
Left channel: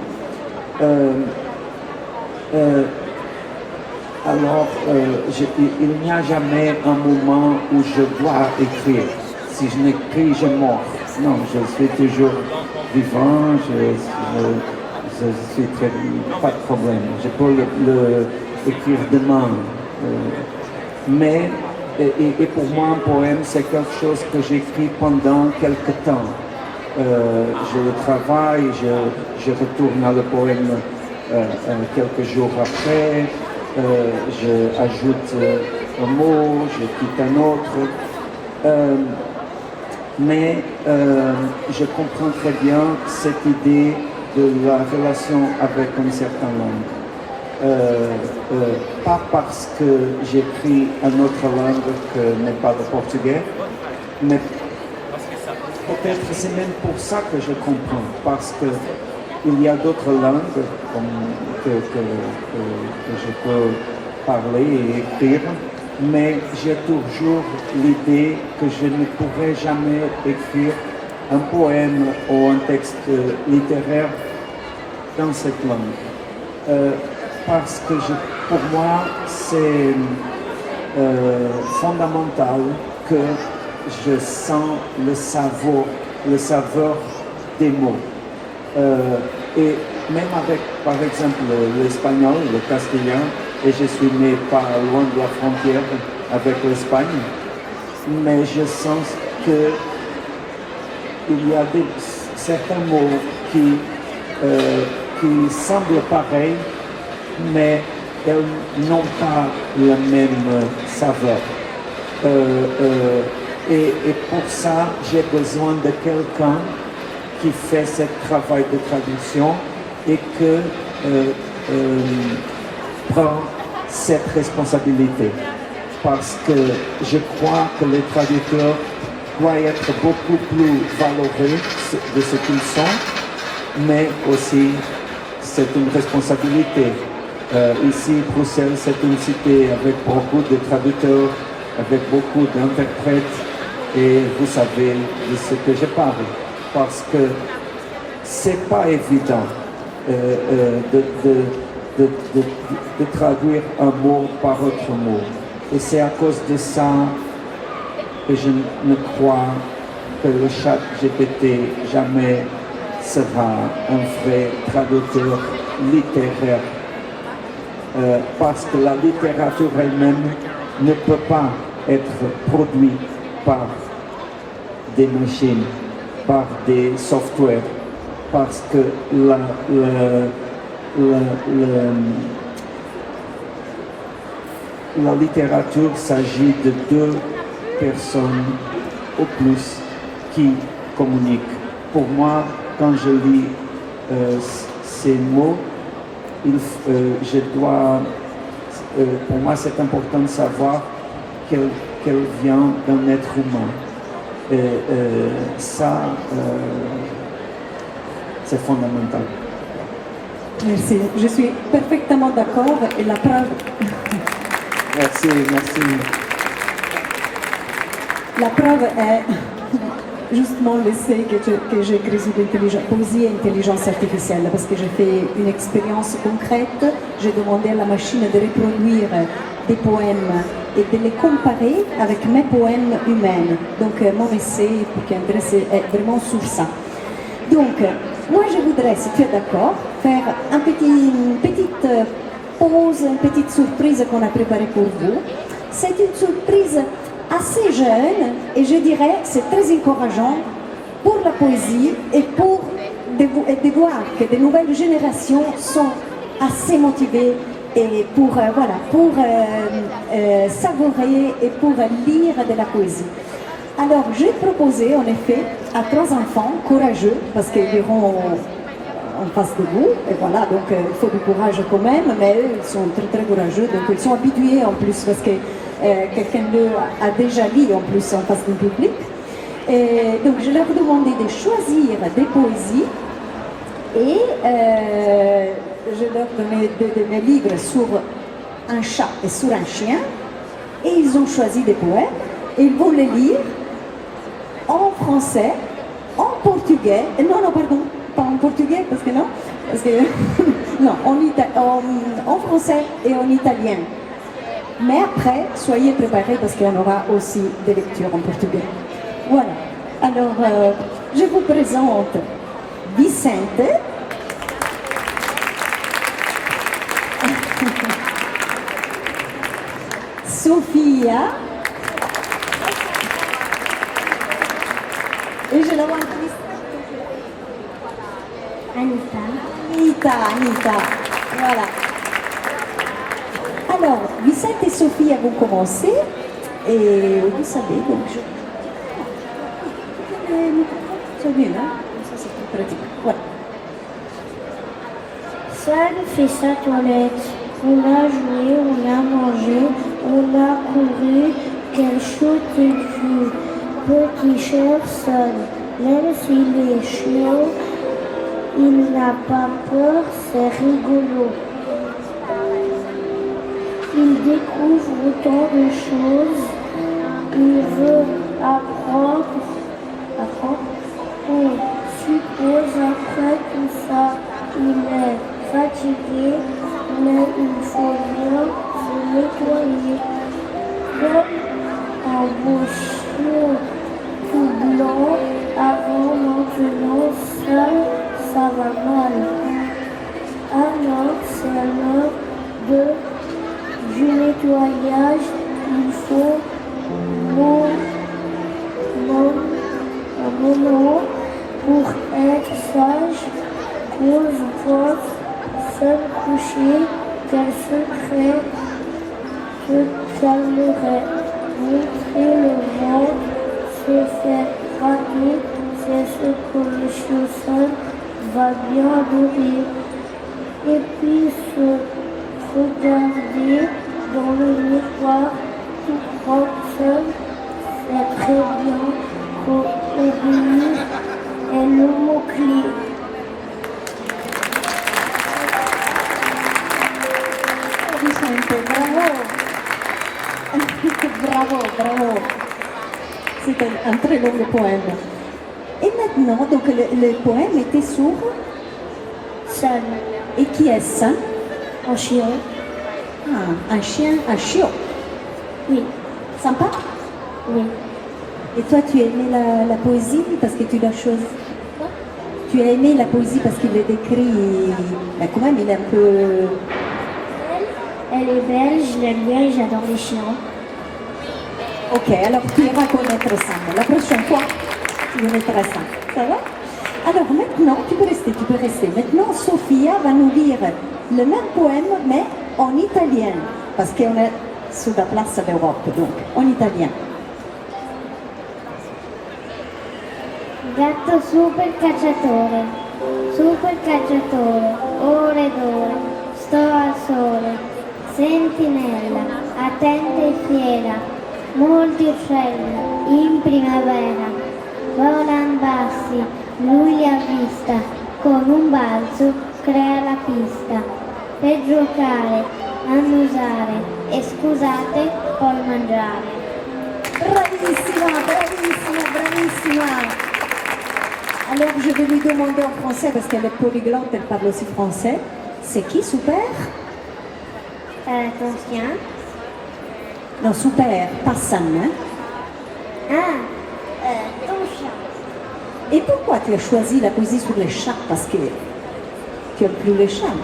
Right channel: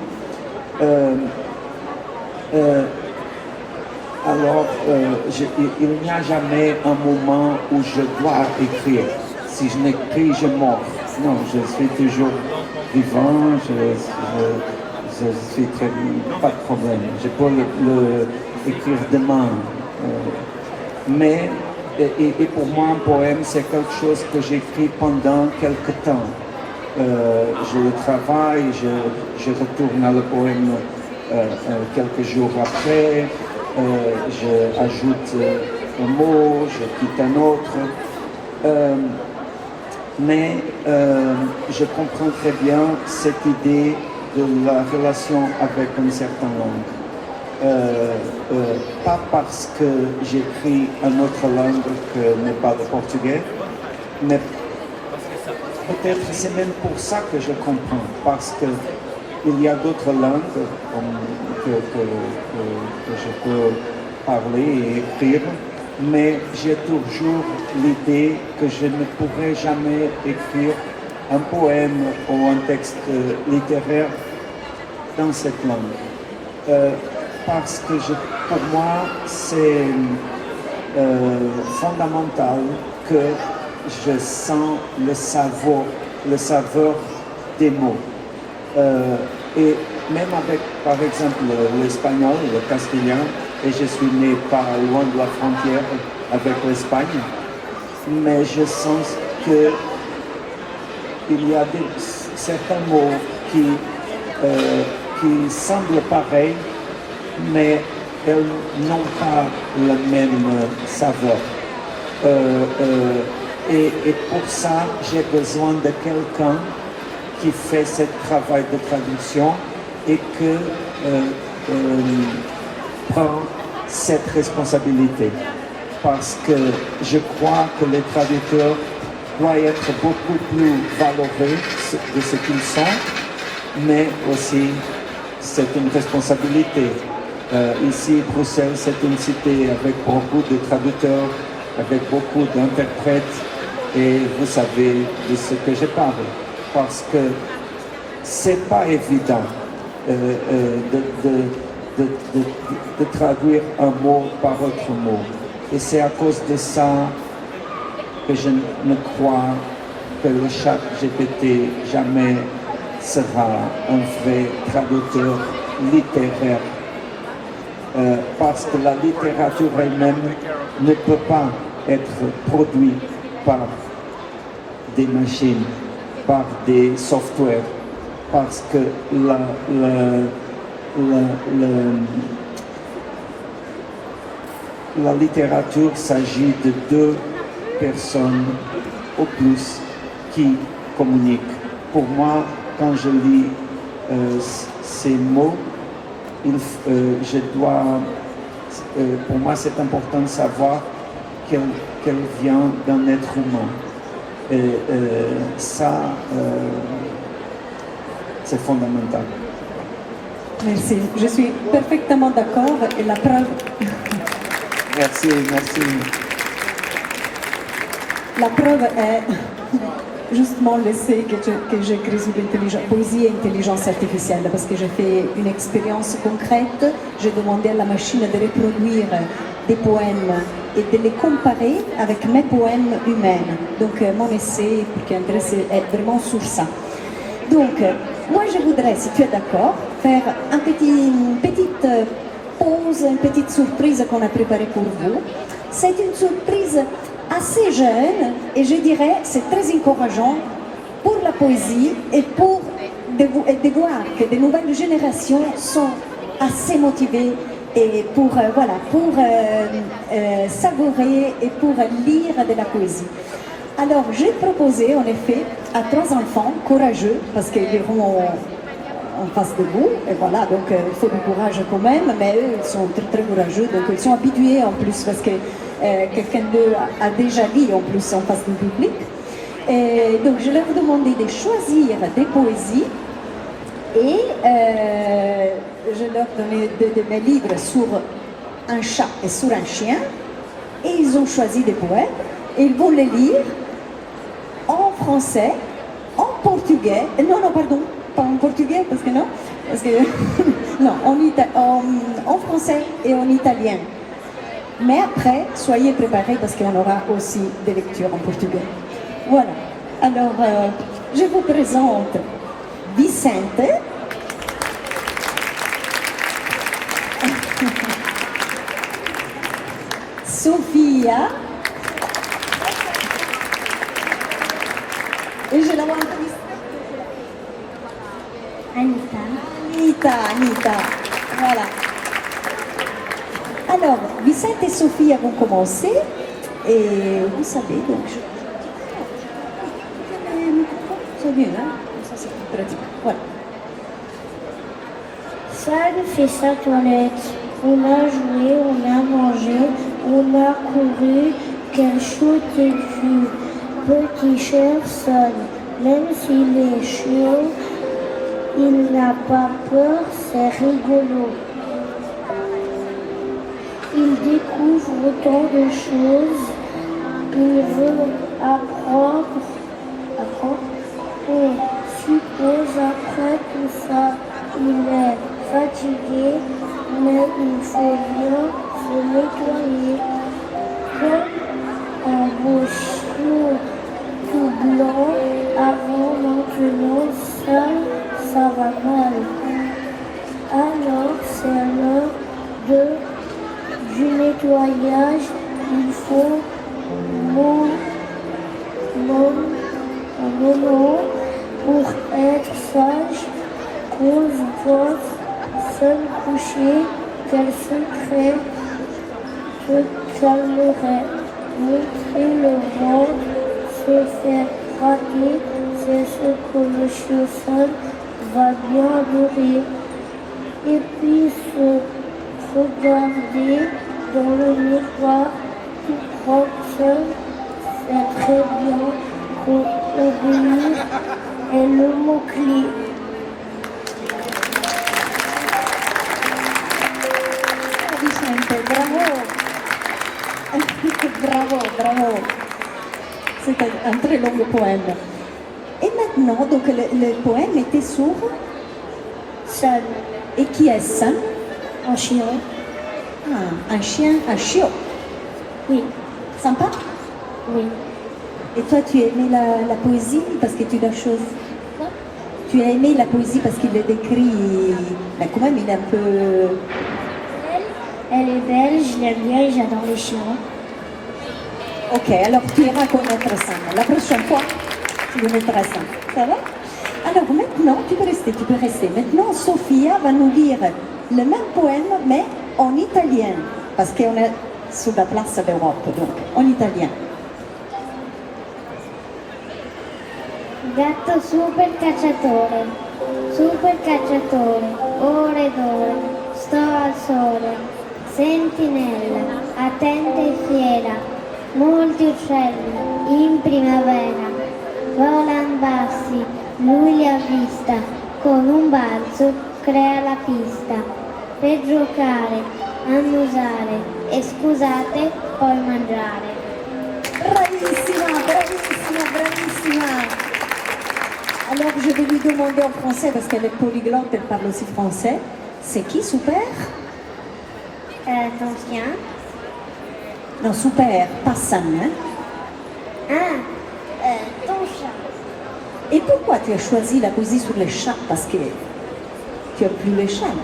Alors, il n'y a jamais un moment où je dois écrire. Si je n'écris, je meurs. Non, je suis toujours vivant, je suis très... pas de problème. Je peux le écrire demain. Mais, et pour moi, un poème, c'est quelque chose que j'écris pendant quelque temps. Je travaille, je retourne à le poème quelques jours après, je ajoute un mot, je quitte un autre. Mais je comprends très bien cette idée de la relation avec une certaine langue. Pas parce que j'écris une autre langue que n'est pas le portugais, mais peut-être c'est même pour ça que je comprends, parce qu'il y a d'autres langues que je peux parler et écrire, mais j'ai toujours l'idée que je ne pourrai jamais écrire un poème ou un texte littéraire dans cette langue. Parce que pour moi, c'est fondamental que je sens le saveur des mots. Et même avec, par exemple, l'espagnol, le castillan, et je suis né pas loin de la frontière avec l'Espagne, mais je sens qu'il y a certains mots qui semblent pareils, mais n'ont pas la même saveur. Et pour ça, j'ai besoin de quelqu'un qui fait ce travail de traduction et que prend cette responsabilité. Parce que je crois que les traducteurs doivent être beaucoup plus valorisés de ce qu'ils sont, mais aussi c'est une responsabilité. Ici, Bruxelles, c'est une cité avec beaucoup de traducteurs, avec beaucoup d'interprètes, et vous savez de ce que je parle. Parce que c'est pas évident de traduire un mot par autre mot. Et c'est à cause de ça que je ne crois que le chat GPT jamais sera un vrai traducteur littéraire. Parce que la littérature elle-même ne peut pas être produite par des machines, par des softwares, parce que la littérature s'agit de deux personnes au plus qui communiquent. Pour moi, quand je lis ces mots, pour moi c'est important de savoir qu'elle vient d'un être humain. Et ça, c'est fondamental. Merci. Je suis parfaitement d'accord et la preuve... Merci, merci. La preuve est justement l'essai que j'ai écrit sur poésie et intelligence artificielle, parce que j'ai fait une expérience concrète. J'ai demandé à la machine de reproduire des poèmes et de les comparer avec mes poèmes humains. Donc mon essai qui intéresse est vraiment sur ça. Donc moi je voudrais, si tu es d'accord, faire une petite pause, une petite surprise qu'on a préparée pour vous. C'est une surprise assez jeune et je dirais c'est très encourageant pour la poésie et pour de voir que de nouvelles générations sont assez motivées et pour savourer et pour lire de la poésie. Alors j'ai proposé en effet à 3 enfants courageux, parce qu'ils iront en face de vous, et voilà, donc il faut du courage quand même, mais eux ils sont très très courageux, donc ils sont habitués en plus, parce que quelqu'un d'eux a déjà lu en plus en face du public. Et donc je leur demandais de choisir des poésies et je leur donnais de mes livres sur un chat et sur un chien, et ils ont choisi des poèmes et ils vont les lire en français, en portugais portugais. Non, pardon, pas en portugais, parce que non. Parce que, non, en français et en italien. Mais après, soyez préparés parce qu'il y en aura aussi des lectures en portugais. Voilà. Alors, je vous présente Vicente. Sofia. Et je la vois Anita. Voilà. Alors, Vicente et Sophie vont commencer. Et vous savez, donc c'est mieux, hein? Ça, c'est plus pratique. Voilà. Sam fait sa toilette. On a joué, on a mangé, on a couru. Quel chouette fut. Petit cher Sam, même s'il est chaud, il n'a pas peur, c'est rigolo. Il découvre tant de choses, il veut apprendre. On suppose après tout ça, il est fatigué, mais il faut bien se nettoyer. Comme un beau chien tout blanc, avant maintenant, ça va mal. Alors c'est l'heure du nettoyage, il faut un moment pour être sage, cause prof, seul coucher, quel secret que t'aimerais montrer le monde, se faire rater, c'est ce que le chien seul va bien adorer. Et puis se regarder dans le miroir tout propre seul, c'est très bien. Pour obéir est le mot-clé. Vicente, bravo. C'était un très long poème. Et maintenant, donc le poème était sur Seul. Et qui est ça? Un chien. Ah, un chien, un chiot. Oui. Sympa? Oui. Et toi, tu as aimé la poésie parce que tu l'as choisi? Tu as aimé la poésie parce qu'il le décrit, mais quand même, il est un peu... Elle est belle, je l'aime bien et j'adore les chiens. Ok, alors tu iras connaître ça. La prochaine fois, tu le mettras ça. Ça va? Alors maintenant, tu peux rester. Maintenant, Sofia va nous lire le même poème, mais en italien. Parce qu'on est sur la place d'Europe, donc en italien. Gatto super cacciatore, ore ed ore, sto al sole, sentinella, attenta e fiera, molti uccelli in primavera, volano bassi, lui li ha vista, con un balzo crea la pista, per giocare, annusare e scusate, poi mangiare. Bravissima. Alors, je vais lui demander en français, parce qu'elle est polyglotte, elle parle aussi français. C'est qui, Super? Ton chien? Non, Super, pas Sam, hein? Ton chat. Et pourquoi tu as choisi la poésie sur les chats? Parce que tu aimes plus les chats.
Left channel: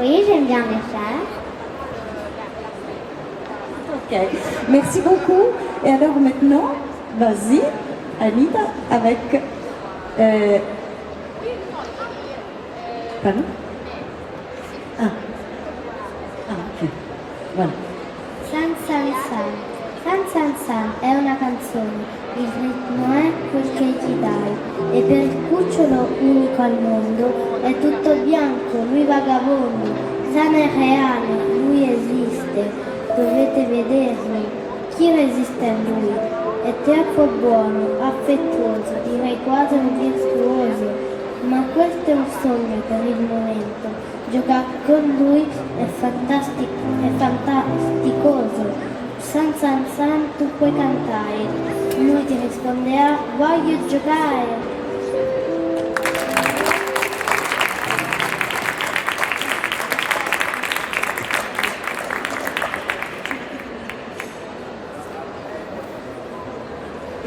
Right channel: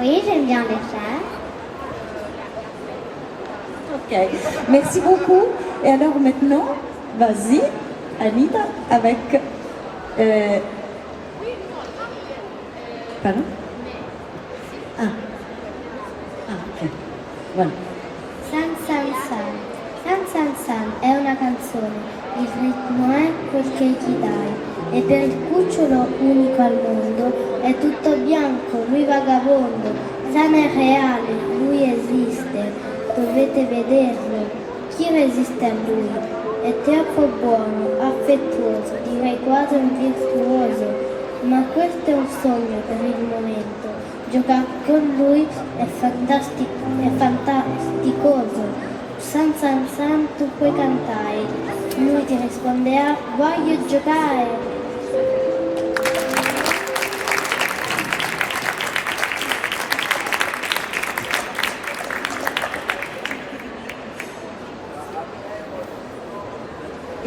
Oui, j'aime bien les chats. Ok, merci beaucoup. Et alors maintenant, vas-y, Anita, avec... Pardon? Ok, voilà. San San San. San San San è una canzone, il ritmo è quel che ti dai, e per il cucciolo unico al mondo è tutto bianco, lui vagabondo, San è reale, lui esiste, dovete vederlo, chi resiste a lui? È troppo buono, affettuoso, direi quasi un virtuoso, ma questo è un sogno per il momento, giocare con lui è fantasticoso. San San San tu puoi cantare, lui ti risponderà voglio giocare.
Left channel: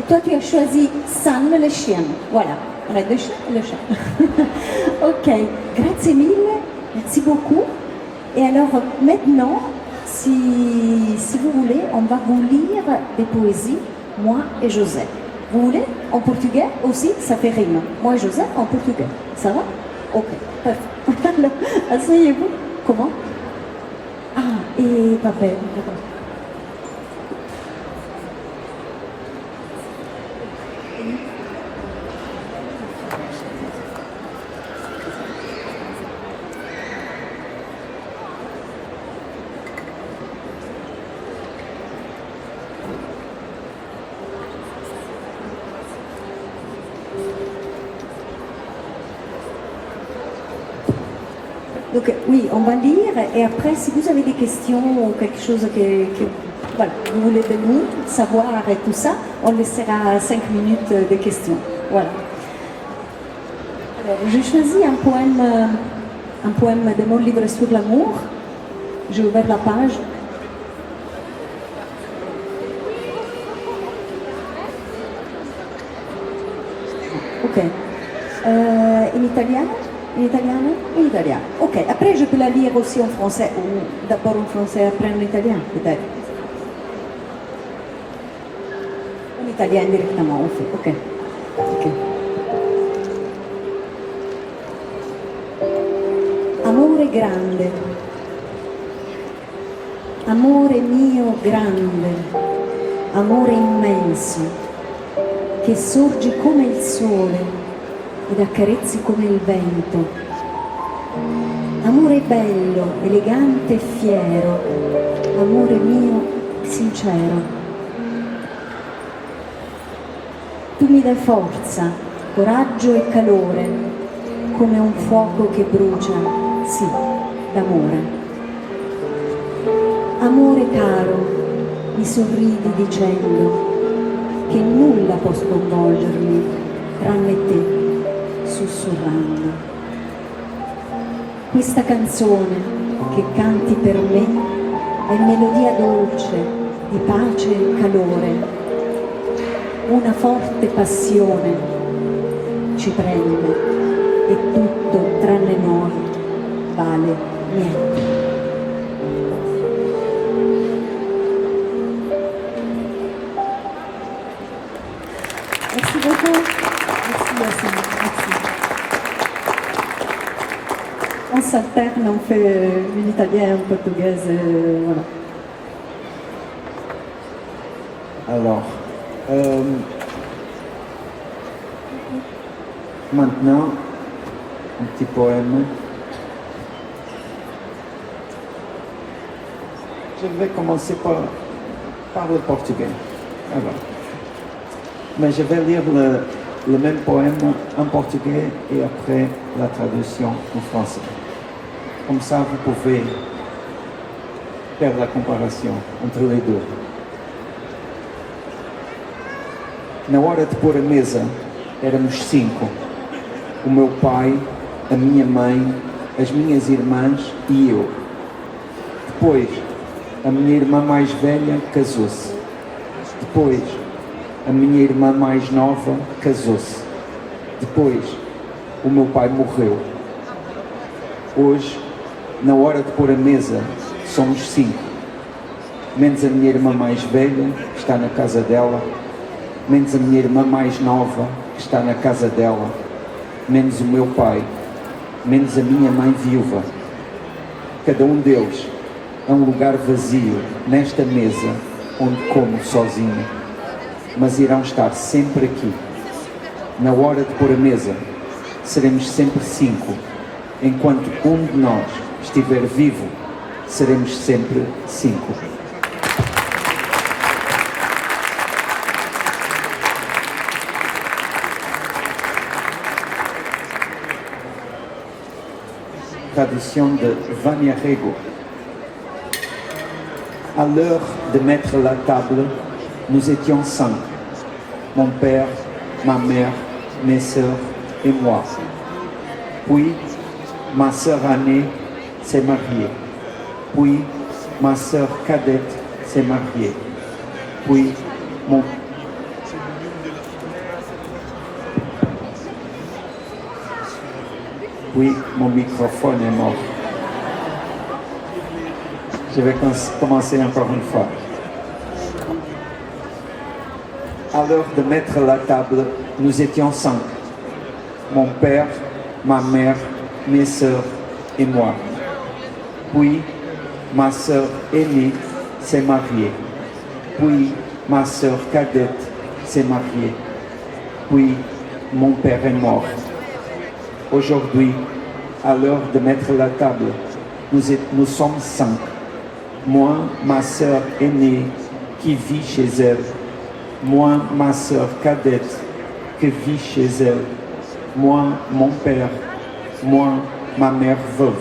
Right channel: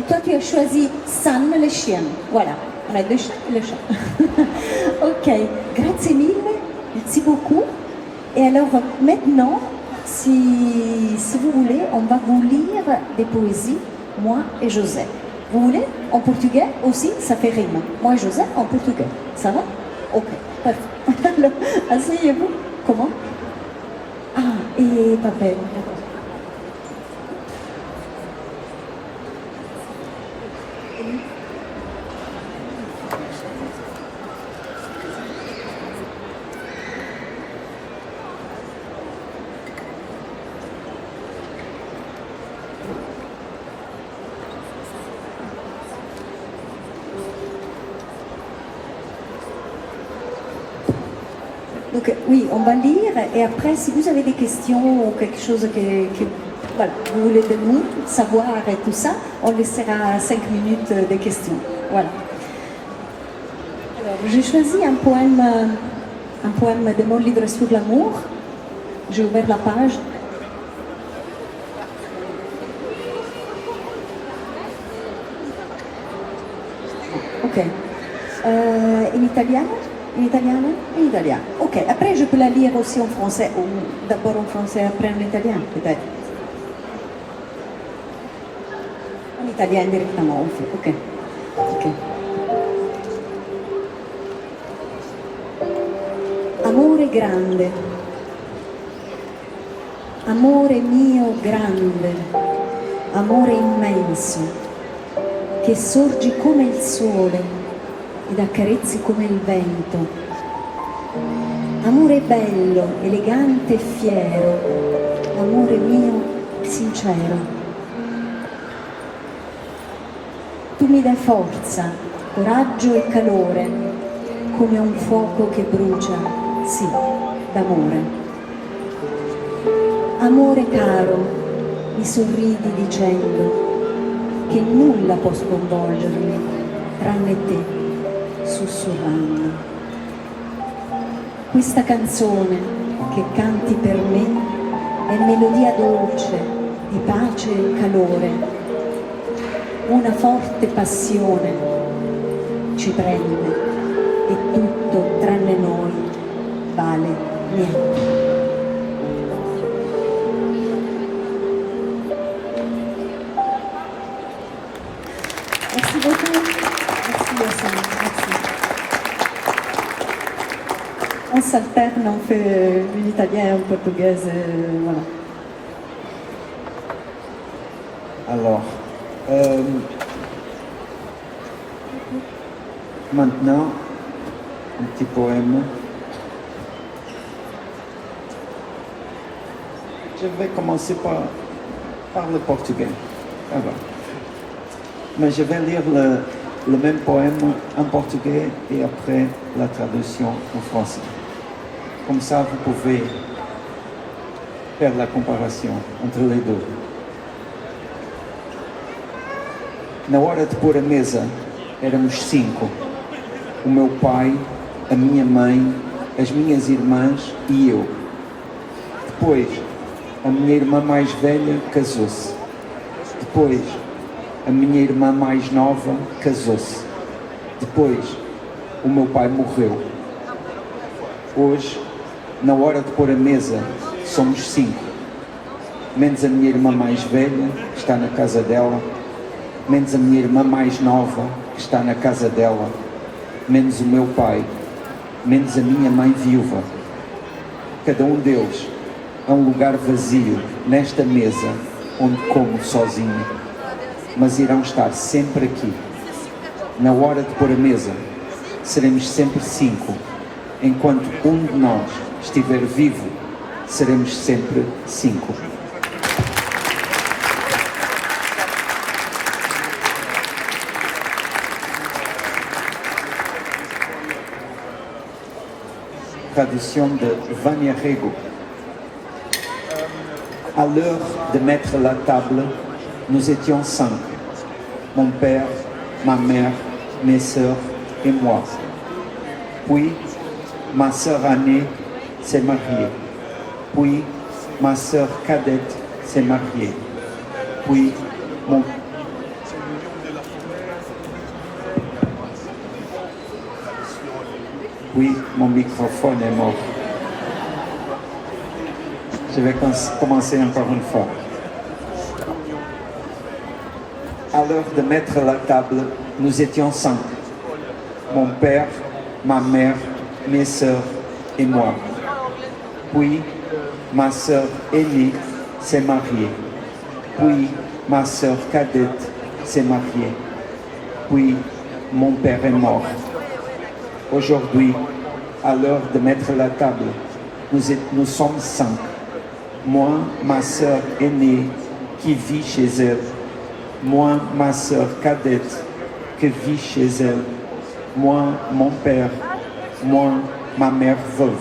Et toi, tu as choisi Sam, le chien. Voilà, Red le chat. Ok, grazie mille, merci beaucoup. Et alors, maintenant, si vous voulez, on va vous lire des poésies, moi et Joseph. Vous voulez? En portugais aussi, ça fait rime. Moi et Joseph en portugais. Ça va? Ok, parfait. Alors, asseyez-vous. Comment? Ah, et papel. Donc oui, on va lire et après, si vous avez des questions ou quelque chose que voilà, vous voulez de nous savoir et tout ça, on laissera 5 minutes de questions. Voilà. Alors, j'ai choisi un poème de mon livre sur l'amour. J'ai ouvert la page. Ok. In italiano? In italiano? In italiano. Ok, après je peux la lire aussi en français, ou d'abord en français, après en italien, peut-être. En italien directement, on fait. Ok. Ok. Amore grande, amore mio grande, amore immenso, che sorgi come il sole ed accarezzi come il vento. Amore bello, elegante e fiero, amore mio sincero. Tu mi dai forza, coraggio e calore, come un fuoco che brucia, sì, d'amore. Amore caro, mi sorridi dicendo che nulla può sconvolgermi tranne te, sussurrando. Questa canzone che canti per me è melodia dolce di pace e calore. Una forte passione ci prende e tutto tranne noi vale niente. Merci beaucoup. Merci Yassine. Merci. On s'alterne, on fait un italien, un portugais, voilà. Alors, maintenant, un petit poème. Je vais commencer par le portugais. Alors. Mais je vais lire le même poème en portugais et après la traduction en français. Comme ça, vous pouvez faire la comparação entre les deux. Na hora de pôr a mesa, éramos 5. O meu pai, a minha mãe, as minhas irmãs e eu. Depois, a minha irmã mais velha casou-se. Depois, a minha irmã mais nova casou-se. Depois, o meu pai morreu. Hoje, na hora de pôr a mesa, somos 5. Menos a minha irmã mais velha, que está na casa dela. Menos a minha irmã mais nova, que está na casa dela. Menos o meu pai. Menos a minha mãe viúva. Cada um deles é um lugar vazio nesta mesa onde como sozinho. Mas irão estar sempre aqui. Na hora de pôr a mesa, seremos sempre 5. Enquanto um de nós estiver vivo, seremos sempre 5. Tradução de Vânia Rego. À l'heure de mettre la table, nous étions 5. Mon père, ma mère, mes sœurs et moi. Puis, ma sœur aînée s'est mariée. Puis, ma sœur cadette s'est mariée. Puis, Oui, mon microphone est mort. Je vais commencer encore une fois. À l'heure de mettre la table, nous étions 5. Mon père, ma mère, mes sœurs et moi. Puis, ma sœur aînée s'est mariée. Puis, ma sœur cadette s'est mariée. Puis, mon père est mort. Aujourd'hui, à l'heure de mettre la table, nous sommes 5. Moi, ma sœur aînée qui vit chez elle. Moi, ma sœur cadette qui vit chez elle. Moi, mon père. Moi, ma mère veuve.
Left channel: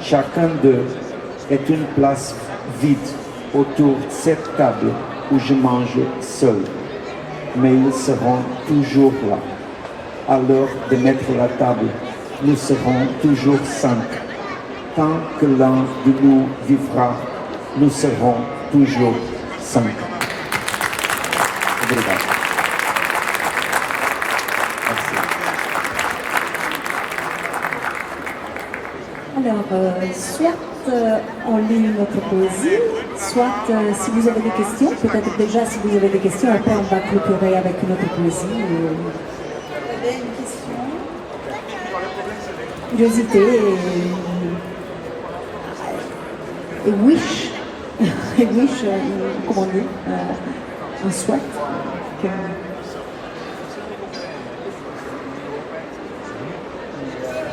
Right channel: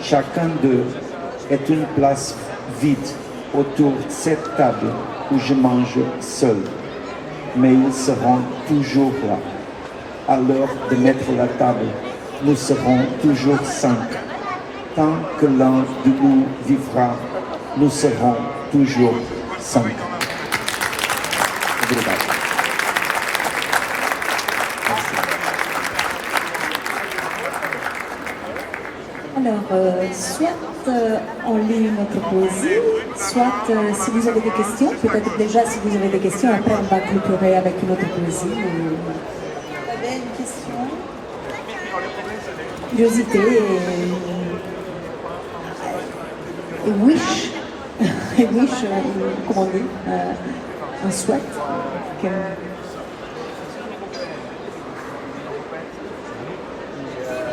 Chacun d'eux est une place vide autour de cette table où je mange seul. Mais ils seront toujours là. À l'heure de mettre la table, nous serons toujours 5. Tant que l'un de nous vivra, nous serons toujours 5. Alors, soit on lit notre poésie, soit si vous avez des questions, peut-être déjà si vous avez des questions, après on va clôturer avec notre poésie. Vous avez une question? Curiosité et wish, et wish, comment on dit, un souhait.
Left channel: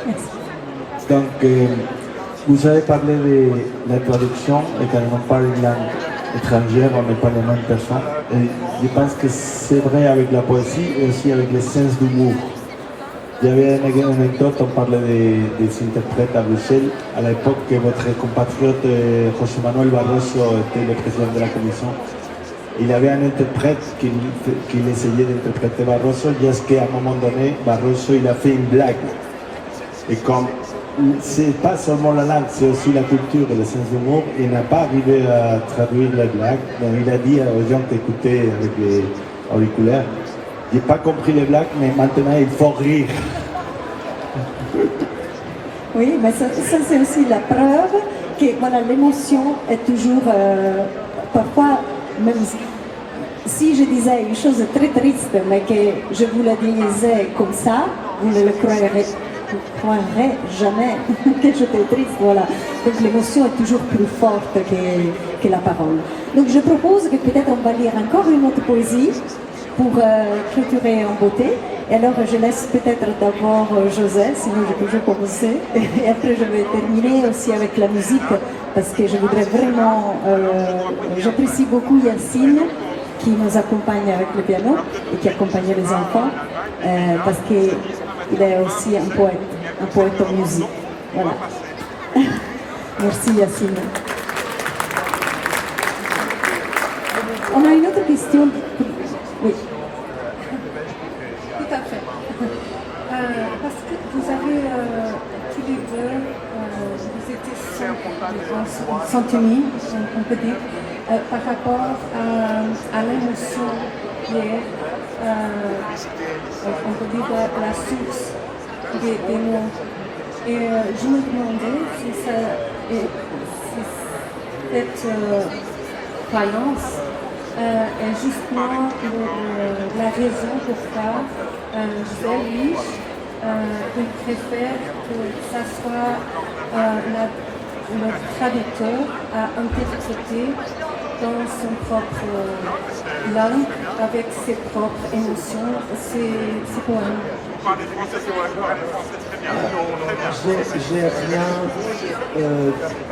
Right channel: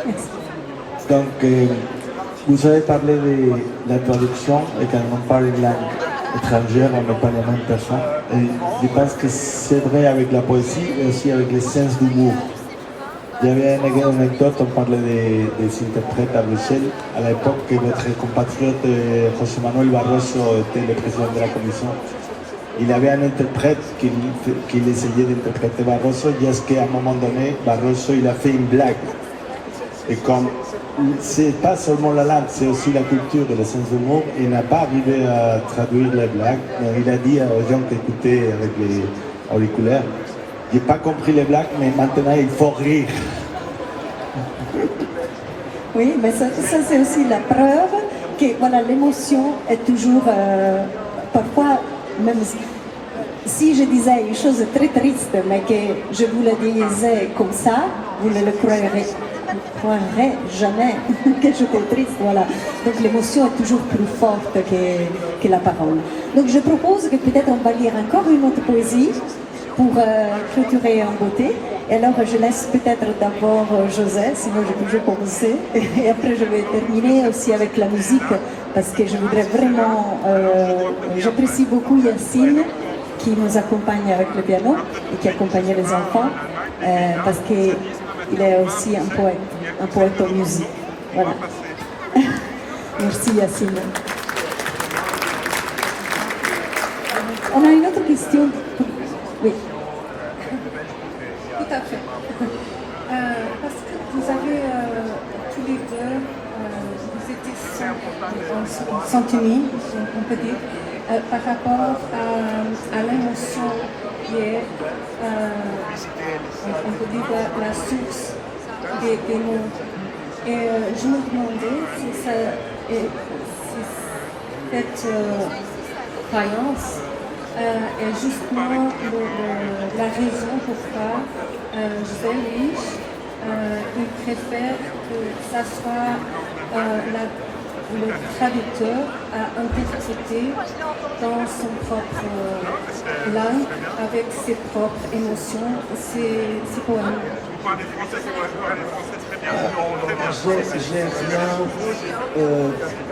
Merci. Donc, vous avez parlé de la traduction et quand on parle de langue étrangère, on ne parle de la même personne. Et je pense que c'est vrai avec la poésie et aussi avec le sens d'humour. Il y avait une anecdote, on parlait des interprètes à Bruxelles, à l'époque que votre compatriote José Manuel Barroso était le président de la commission. Il avait un interprète qui essayait d'interpréter Barroso, jusqu'à un moment donné, Barroso il a fait une blague. Et comme c'est pas seulement la langue, c'est aussi la culture et le sens d'humour, il n'a pas arrivé à traduire la blague, mais il a dit aux gens qui écoutaient avec les auriculaires, j'ai pas compris les blagues, mais maintenant il faut rire. Oui, mais ça c'est aussi la preuve que voilà, l'émotion est toujours, parfois, même si je disais une chose très triste, mais que je vous le disais comme ça, vous ne le croirez jamais que j'étais triste, voilà. Donc l'émotion est toujours plus forte que la parole. Donc je propose que peut-être on va lire encore une autre poésie pour clôturer en beauté. Et alors je laisse peut-être d'abord José, sinon je peux toujours commencer. Et après je vais terminer aussi avec la musique, parce que je voudrais vraiment, j'apprécie beaucoup Yacine, qui nous accompagne avec le piano et qui accompagne les enfants, parce qu'il est aussi un poète en musique. Voilà. Merci Yacine. On a une autre question. Oui. Tout à fait. Parce que vous avez tous les deux, vous étiez sans unis, on peut dire, par rapport à l'émotion qui est, on peut dire, la source des mots. Et je me demandais si cette croyance est justement la raison pourquoi José il préfère que ça soit le traducteur à interpréter dans son propre langue, avec ses propres émotions, ses poèmes. J'ai rien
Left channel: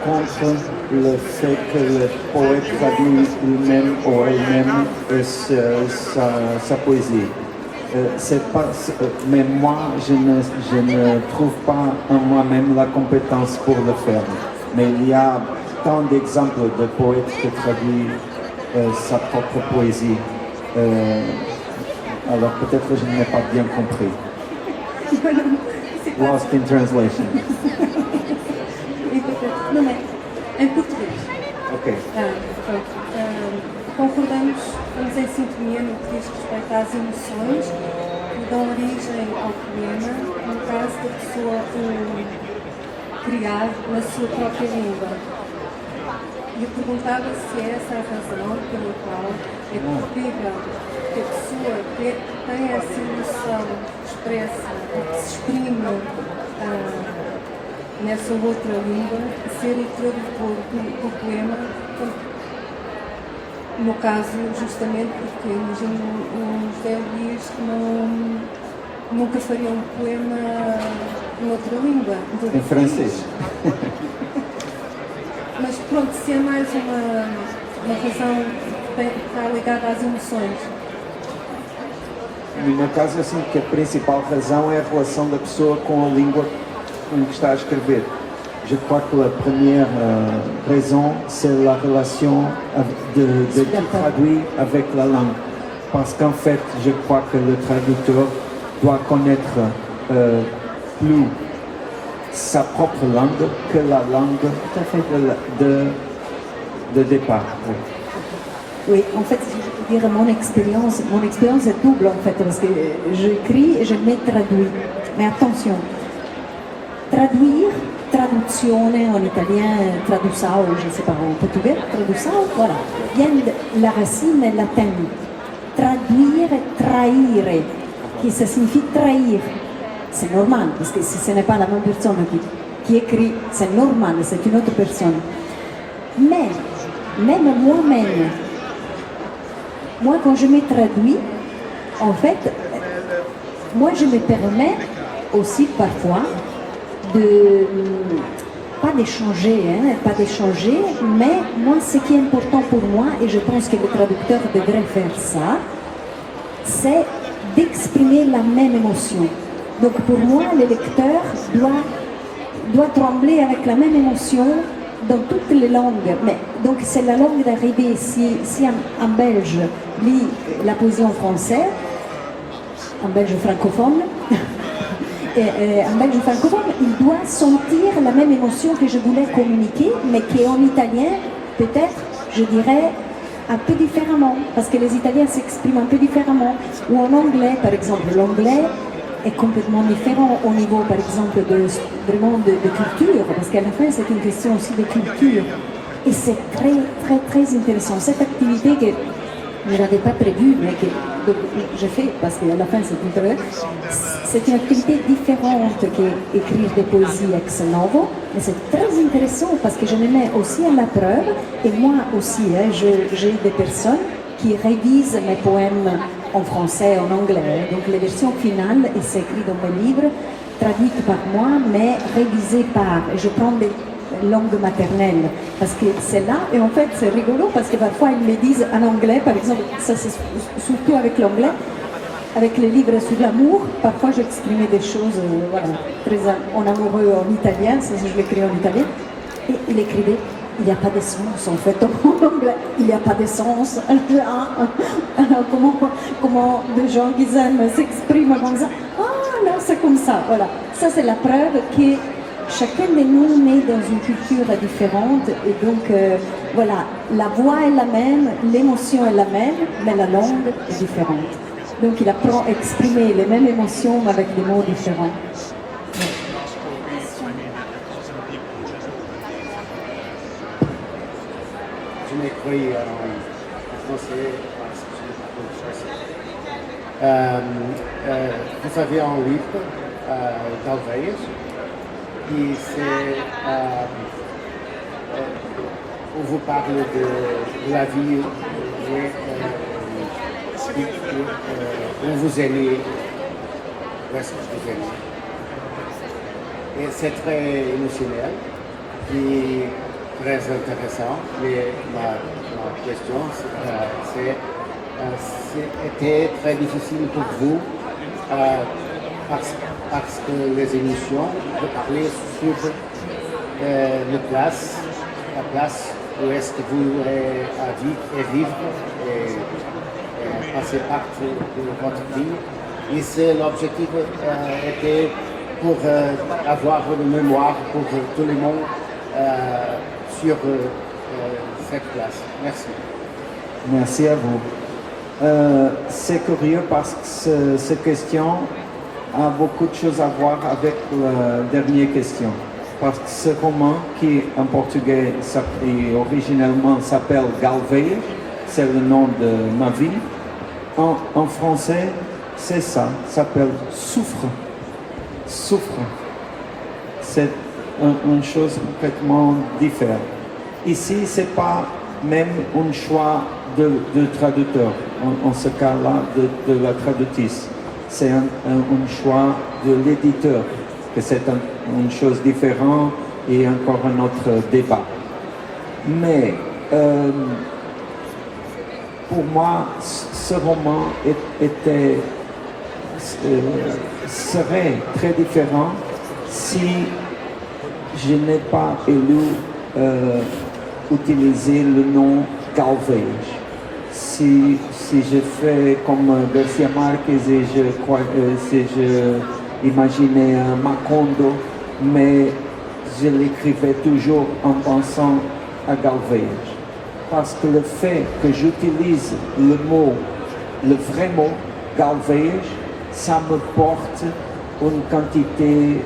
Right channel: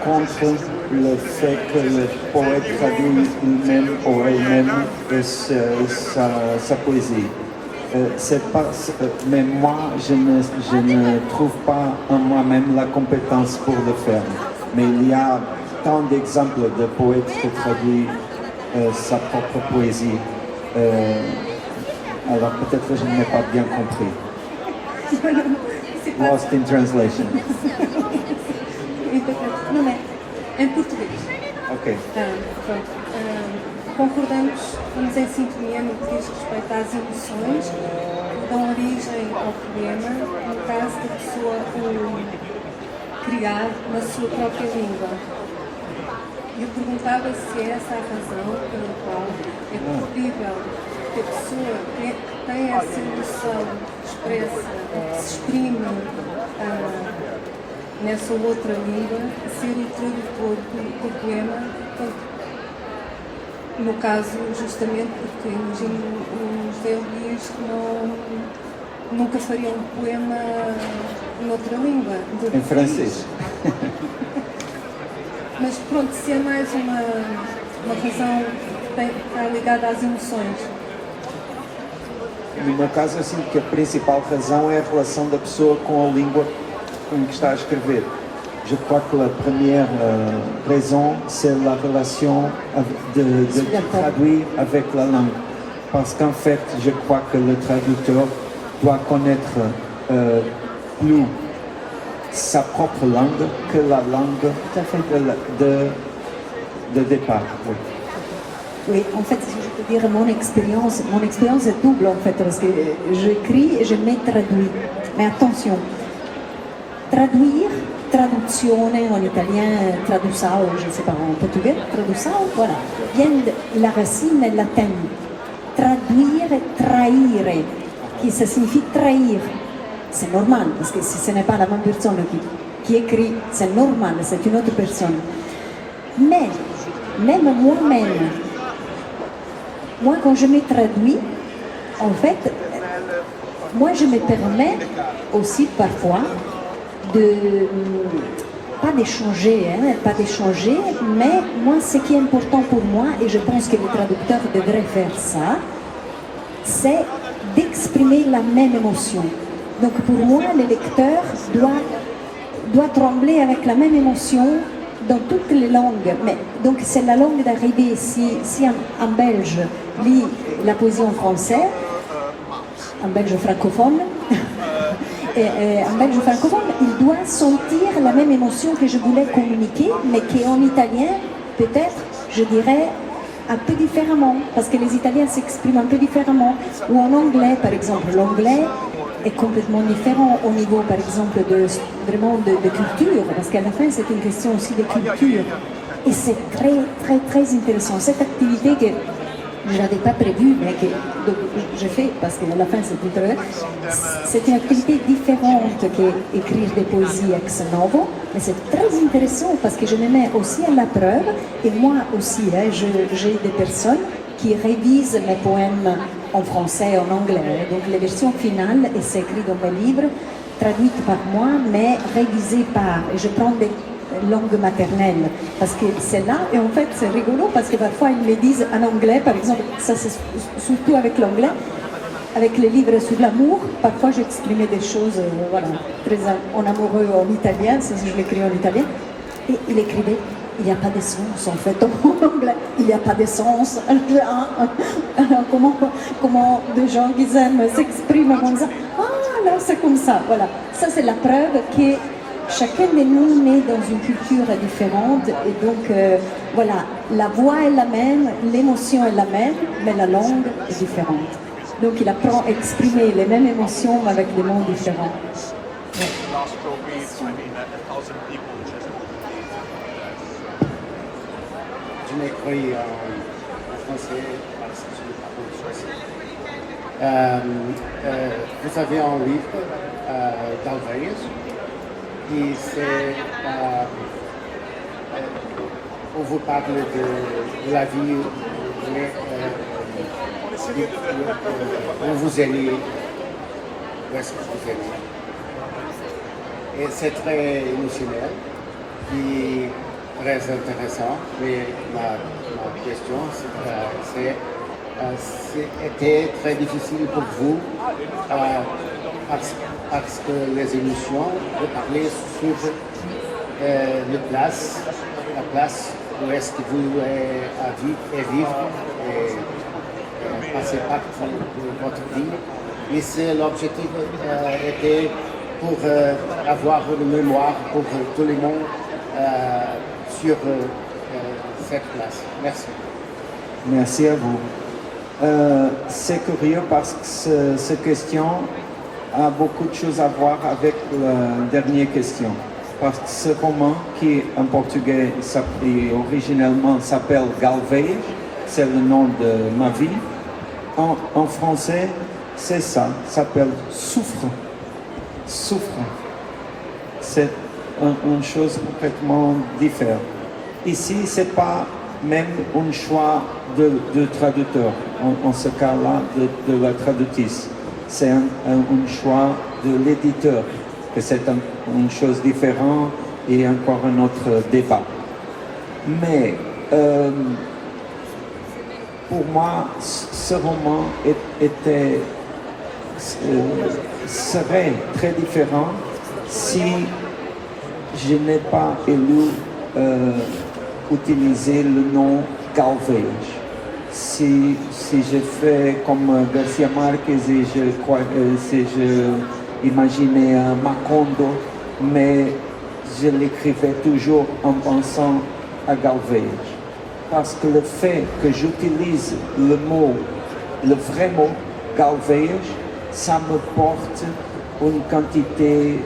contre le fait que le poète traduit lui-même ou elle-même sa poésie. Mais moi, je ne trouve pas en moi-même la compétence pour le faire. Mais il y a tant d'exemples de poètes qui traduisent sa propre poésie. Alors peut-être que je n'ai pas bien compris. Lost in translation. Não, não. Em português. Ok. Pronto. Concordamos em sintonia no que diz respeito às emoções dão origem ao poema, no caso da pessoa criar na sua própria língua. E eu perguntava se é essa a razão pela qual é possível que a pessoa que tem essa emoção expressa, que se exprime nessa outra língua, ser introdutor do poema, no caso justamente porque imagino o José Luís nunca faria um poema em outra língua. Em francês. Mas pronto, se é mais uma razão que está ligada às emoções. No meu caso, eu sinto que a principal razão é a relação da pessoa com a língua com que está a escrever. Je crois que la première raison, c'est la relation de traduire avec la langue. Parce qu'en fait, je crois que le traducteur doit connaître plus sa propre langue que la langue de départ. Oui, en fait, je peux dire mon expérience est double en fait, parce que j'écris et je me traduis. Mais attention, traduire, traduzione en italien, traduçao, je ne sais pas, en portugais, traduçao, voilà, vient de la racine latine. Traduire, trahire, qui ça signifie trahir. C'est normal, parce que si ce n'est pas la même personne qui écrit, c'est normal, c'est une autre personne. Mais, même moi-même, moi quand je me traduis, en fait, moi je me permets aussi parfois pas d'échanger, mais moi ce qui est important pour moi, et je pense que le traducteur devrait faire ça, c'est d'exprimer la même émotion. Donc pour moi, le lecteur doit trembler avec la même émotion dans toutes les langues. Mais, donc c'est la langue d'arrivée. Si un Belge lit la poésie en français, un Belge francophone, un Belge francophone, il doit sentir la même émotion que je voulais communiquer, mais qu'en italien, peut-être, je dirais, un peu différemment, parce que les Italiens s'expriment un peu différemment. Ou en anglais, par exemple, l'anglais est complètement différent au niveau, par exemple, vraiment de culture, parce qu'à la fin, c'est une question aussi de culture. Et c'est très, très, très intéressant. Cette activité que je n'avais pas prévue, mais que je fais, parce qu'à la fin, c'est une activité différente qu'écrire des poésies ex novo, mais c'est très intéressant parce que je me mets aussi à la preuve, et moi aussi, j'ai des personnes qui révisent mes poèmes en français et en anglais. Donc les versions finales, et c'est écrit dans mes livres, traduites par moi, mais révisées par. Et je prends des langues maternelles, parce que c'est là, et en fait c'est rigolo, parce que parfois ils me disent en anglais, par exemple, ça c'est surtout avec l'anglais, avec les livres sur l'amour, parfois j'exprimais des choses, voilà, très en amoureux en italien, c'est si je l'écris en italien, et il écrivait, il n'y a pas de sens en fait en anglais, il n'y a pas de sens, comment des gens qui aiment s'expriment comme ça, non, c'est comme ça, voilà, ça c'est la preuve que chacun de nous naît dans une culture différente, et donc voilà, la voix est la même, l'émotion est la même, mais la langue est différente. Donc il apprend à exprimer les mêmes émotions mais avec des mots différents. Ouais. Je m'écris en français. Vous avez un livre d'Alvarez qui c'est où vous parlez de la vie où vous allez, où est-ce que vous allez. Et c'est très émotionnel et très intéressant. Mais ma question, c'était très difficile pour vous parce que les émissions de parler sur la place où est-ce que vous avez vivre et passer partout de votre vie. Et l'objectif était pour avoir une mémoire pour tout le monde sur cette place. Merci. Merci à vous. C'est curieux parce que cette question a beaucoup de choses à voir avec la dernière question. Parce que ce roman, qui en portugais originellement s'appelle Galvez, c'est le nom de ma vie. En français, c'est ça, s'appelle Souffre. Souffre. C'est une chose complètement différente. Ici, c'est pas même un choix de traducteur, en ce cas-là, de la traductrice. C'est un choix de l'éditeur, que c'est une chose différente et encore un autre débat. Mais pour moi, ce roman serait très différent si je n'ai pas utiliser le nom Galvez. Si je fais comme Garcia Marquez et si je imaginais Macondo, mais je l'écrivais toujours en pensant à Galvez. Parce que le fait que j'utilise le vrai mot Galvez, ça me porte une quantité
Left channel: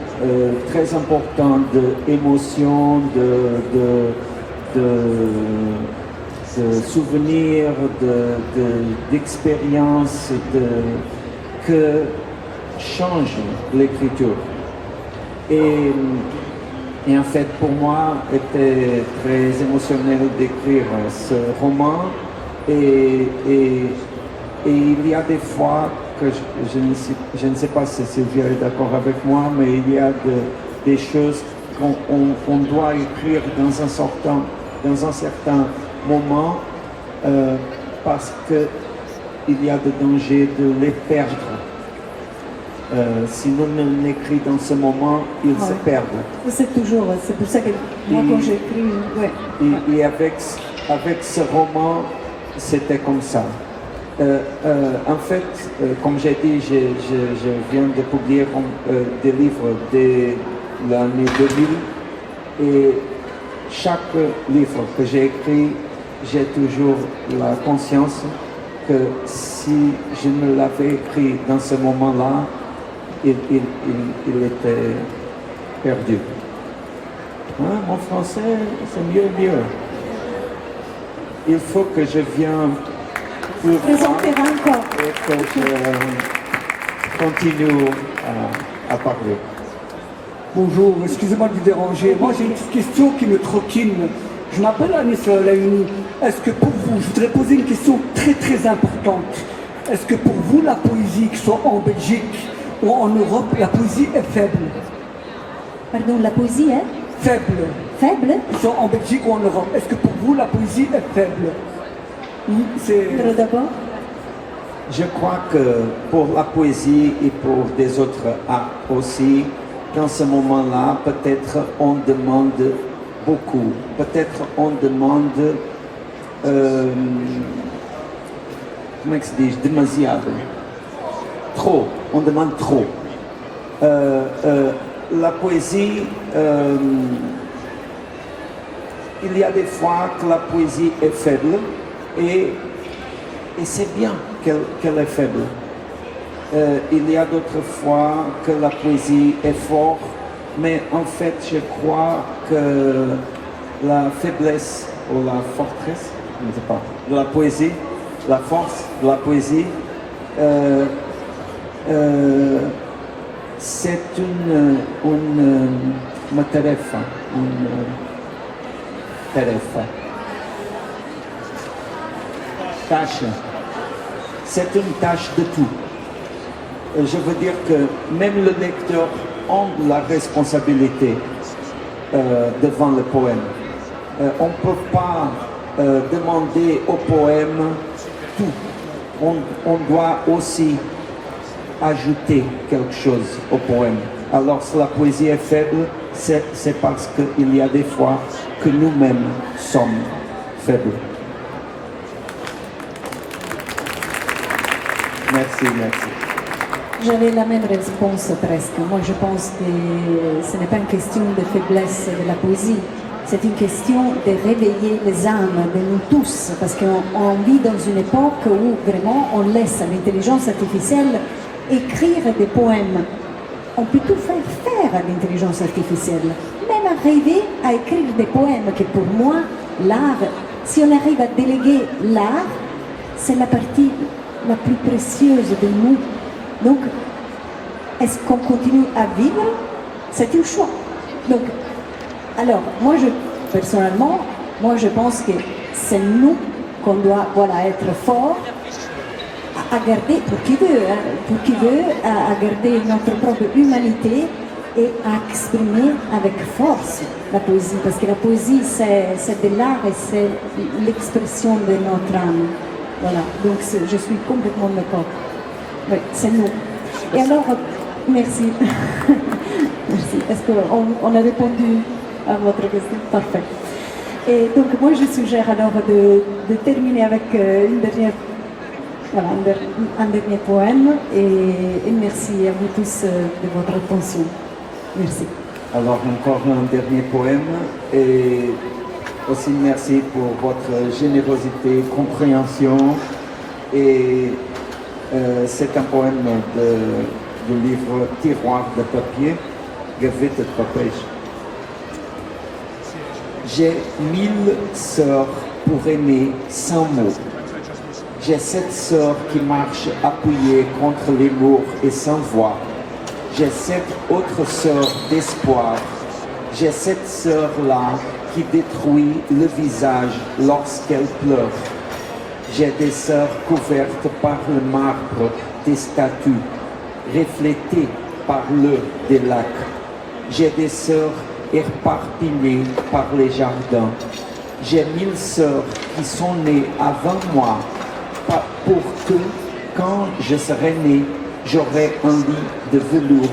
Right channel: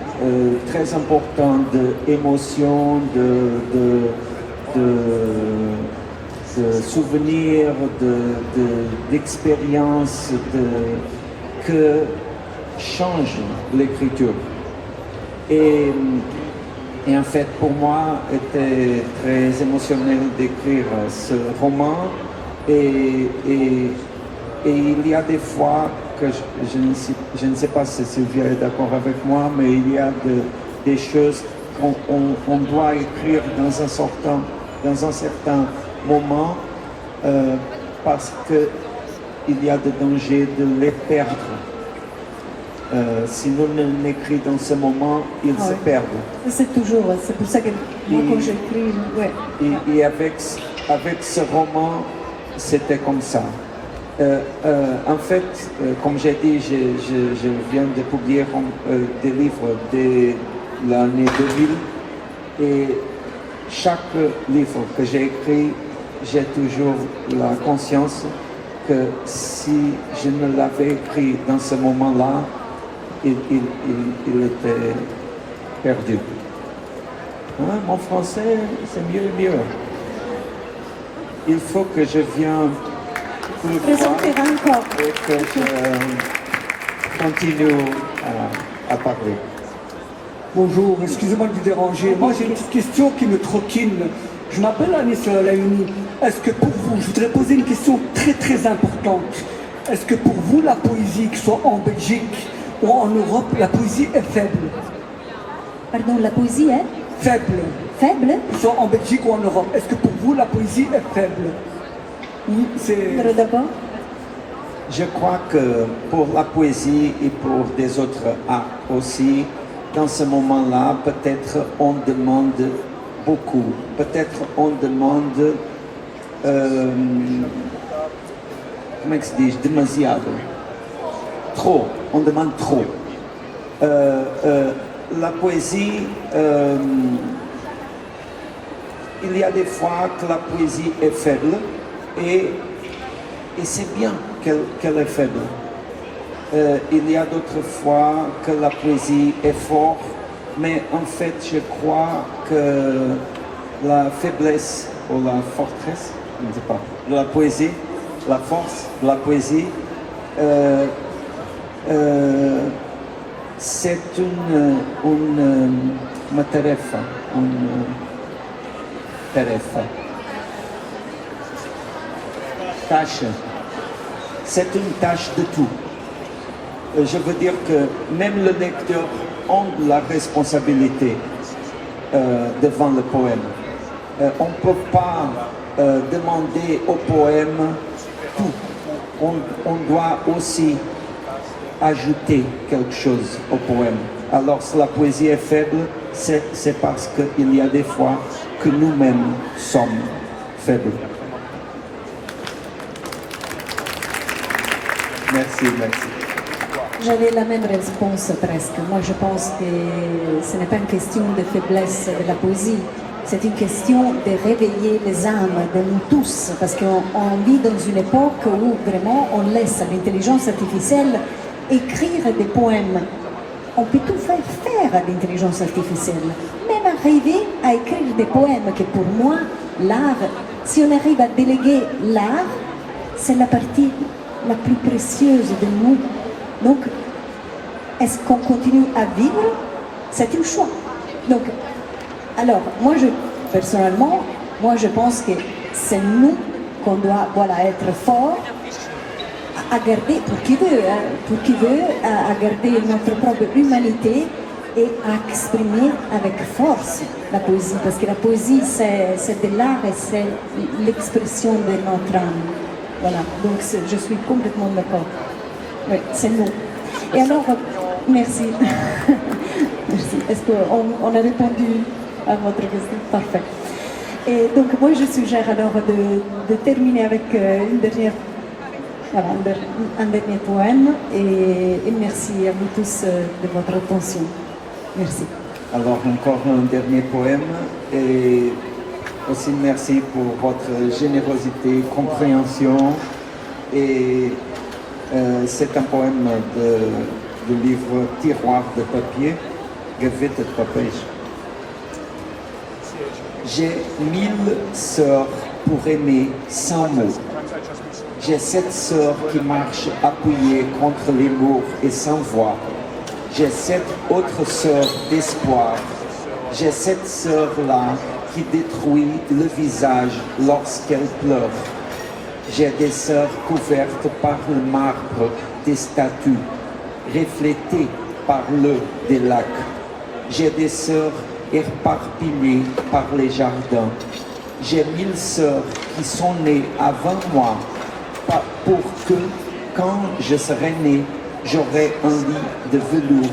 très importante d'émotions, de souvenirs, d'expériences que change l'écriture. Et en fait, pour moi, était très émotionnel d'écrire ce roman. Et il y a des fois que je ne sais pas si Sylvia est d'accord avec moi, mais il y a des choses qu'on doit écrire dans un certain moment parce qu'il y a des dangers de les perdre. Si nous n'écrivons dans ce moment, ils se perdent. C'est toujours, c'est pour ça que moi quand j'écris, ouais. Et avec ce roman, c'était comme ça. En fait, comme j'ai dit, je viens de publier des livres de l'année 2000 et chaque livre que j'ai écrit, j'ai toujours la conscience que si je ne l'avais écrit dans ce moment-là, il était perdu. Mon français, c'est mieux. Il faut que je vienne pour encore. Et que je continue à parler. Bonjour, excusez-moi de vous déranger. Moi, j'ai une petite question qui me trottine. Je m'appelle Anis Laïni. Est-ce que pour vous, je voudrais poser une question très très importante. Est-ce que pour vous, la poésie, que ce soit en Belgique ou en Europe, la poésie est faible? Pardon, la poésie est faible. Faible? Que ce soit en Belgique ou en Europe. Est-ce que pour vous, la poésie est faible? Oui, c'est... D'accord. Je crois que pour la poésie et pour des autres arts aussi, dans ce moment-là, peut-être on demande beaucoup. Peut-être on demande, comment se dit, demasiado. Trop, on demande trop. La poésie, il y a des fois que la poésie est faible et c'est bien qu'elle est faible. Il y a d'autres fois que la poésie est forte, mais en fait, je crois que la faiblesse ou la fortresse, je ne sais pas, de la poésie, la force de la poésie, c'est une tarefa, tâche. C'est une tâche de tout. Et je veux dire que même le lecteur a la responsabilité devant le poème. On ne peut pas demander au poème tout. On doit aussi ajouter quelque chose au poème. Alors si la poésie est faible, c'est parce qu'il y a des fois que nous-mêmes sommes faibles. Merci. J'avais la même réponse presque. Moi, je pense que ce n'est pas une question de faiblesse de la poésie. c'est une question de réveiller les âmes de nous tous, parce qu'on vit dans une époque où vraiment on laisse à l'intelligence artificielle écrire des poèmes. On peut tout faire à l'intelligence artificielle, même arriver à écrire des poèmes que pour moi, l'art, si on arrive à déléguer l'art, c'est la partie la plus précieuse de nous. Donc, est-ce qu'on continue à vivre? C'est un choix. Donc, alors, personnellement, je pense que c'est nous qu'on doit être forts à garder, pour qui veut, à garder notre propre humanité et à exprimer avec force la poésie. Parce que la poésie, c'est de l'art et c'est l'expression de notre âme. Voilà, donc je suis complètement d'accord. Oui, c'est nous. Et alors, merci. Merci. Est-ce qu'on a répondu à votre question? Parfait. Et donc, moi, je suggère alors de terminer avec un dernier poème. Et merci à vous tous de votre attention. Merci. Alors, encore un dernier poème. Et aussi, merci pour votre générosité, compréhension. Et c'est un poème du livre Tiroir de papier, Gewitterd Papier. J'ai 1000 sœurs pour aimer sans mots. J'ai 7 sœurs qui marchent appuyées contre les murs et sans voix. J'ai 7 autres sœurs d'espoir. J'ai cette sœur-là qui détruit le visage lorsqu'elle pleure. J'ai des sœurs couvertes par le marbre des statues, reflétées par l'eau des lacs. J'ai des sœurs éparpillées par les jardins. J'ai 1000 sœurs qui sont nées avant moi, pour que, quand je serai né, j'aurai un lit de velours.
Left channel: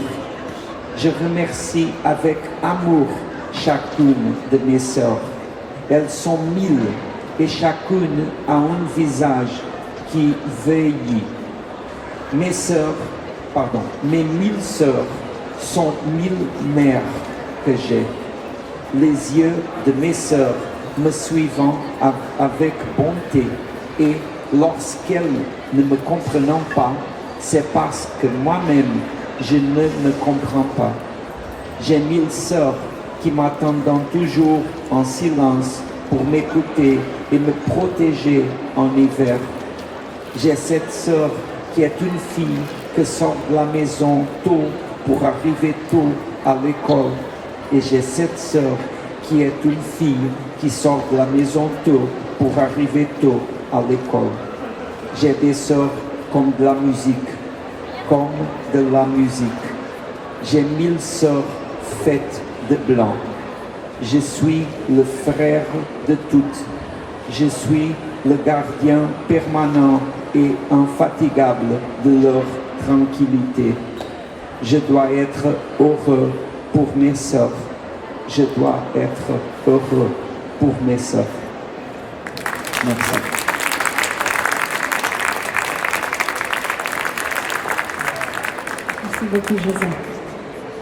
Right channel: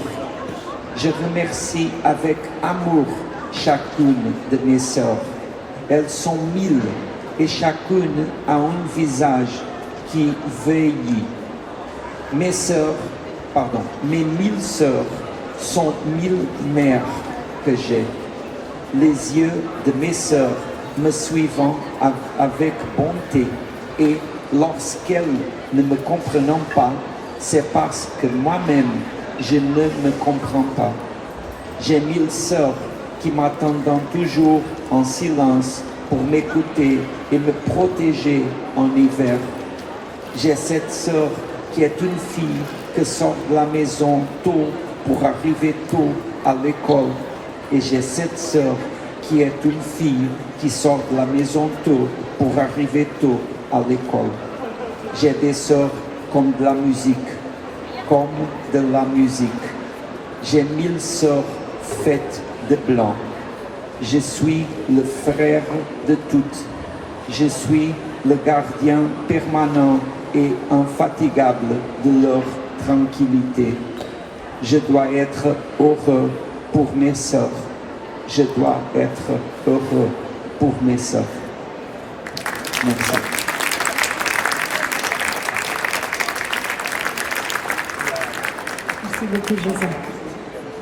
Je remercie avec amour chacune de mes sœurs. Elles sont 1000 et chacune a un visage qui vieillit. Mes 1000 sœurs sont 1000 mères que j'ai. Les yeux de mes sœurs me suivant avec bonté, et lorsqu'elles ne me comprennent pas, c'est parce que moi-même je ne me comprends pas. J'ai 1000 sœurs qui m'attendent toujours en silence pour m'écouter et me protéger en hiver. J'ai cette sœur qui est une fille qui sort de la maison tôt pour arriver tôt à l'école. Et j'ai cette sœur qui est une fille qui sort de la maison tôt pour arriver tôt à l'école. J'ai des sœurs comme de la musique, J'ai 1000 sœurs faites de blanc. Je suis le frère de toutes. Je suis le gardien permanent et infatigable de leur tranquillité. Je dois être heureux pour mes sœurs. Je dois être heureux pour mes sœurs. Merci. Merci beaucoup, José.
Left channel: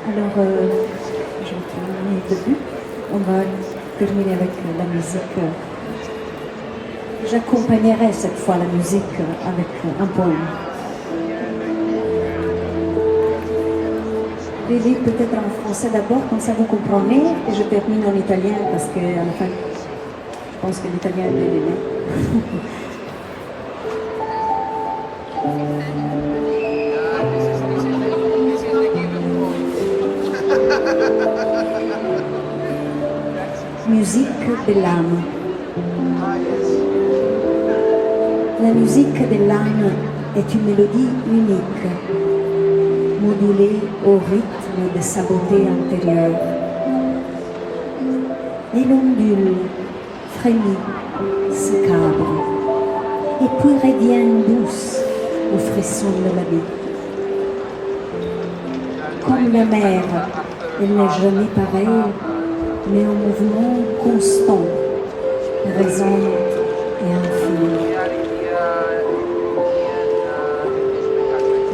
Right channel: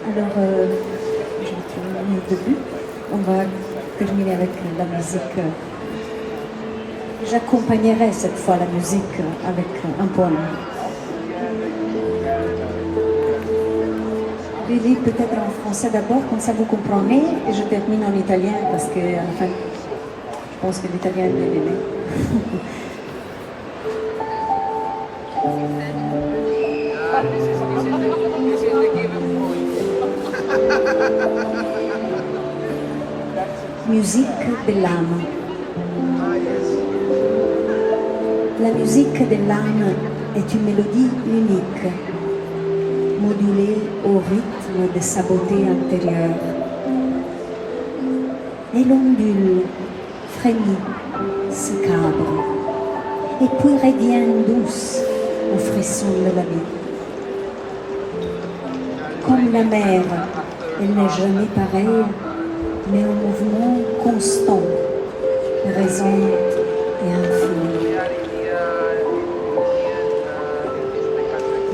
Alors, je vais terminer le début. On va terminer avec la musique. J'accompagnerai cette fois la musique avec un poème. Je vais lire peut-être en français d'abord, comme ça vous comprenez, et je termine en italien parce qu'à la fin, je pense que l'italien est bien aimé. Musique de l'âme. La musique de l'âme est une mélodie unique, modulée au rythme de sa beauté intérieure. Elle ondule, frémit, se cabre, et puis revient douce au frisson de la vie. Comme la mer, elle n'est jamais pareille, mais en mouvement constant, résonnante et infinie.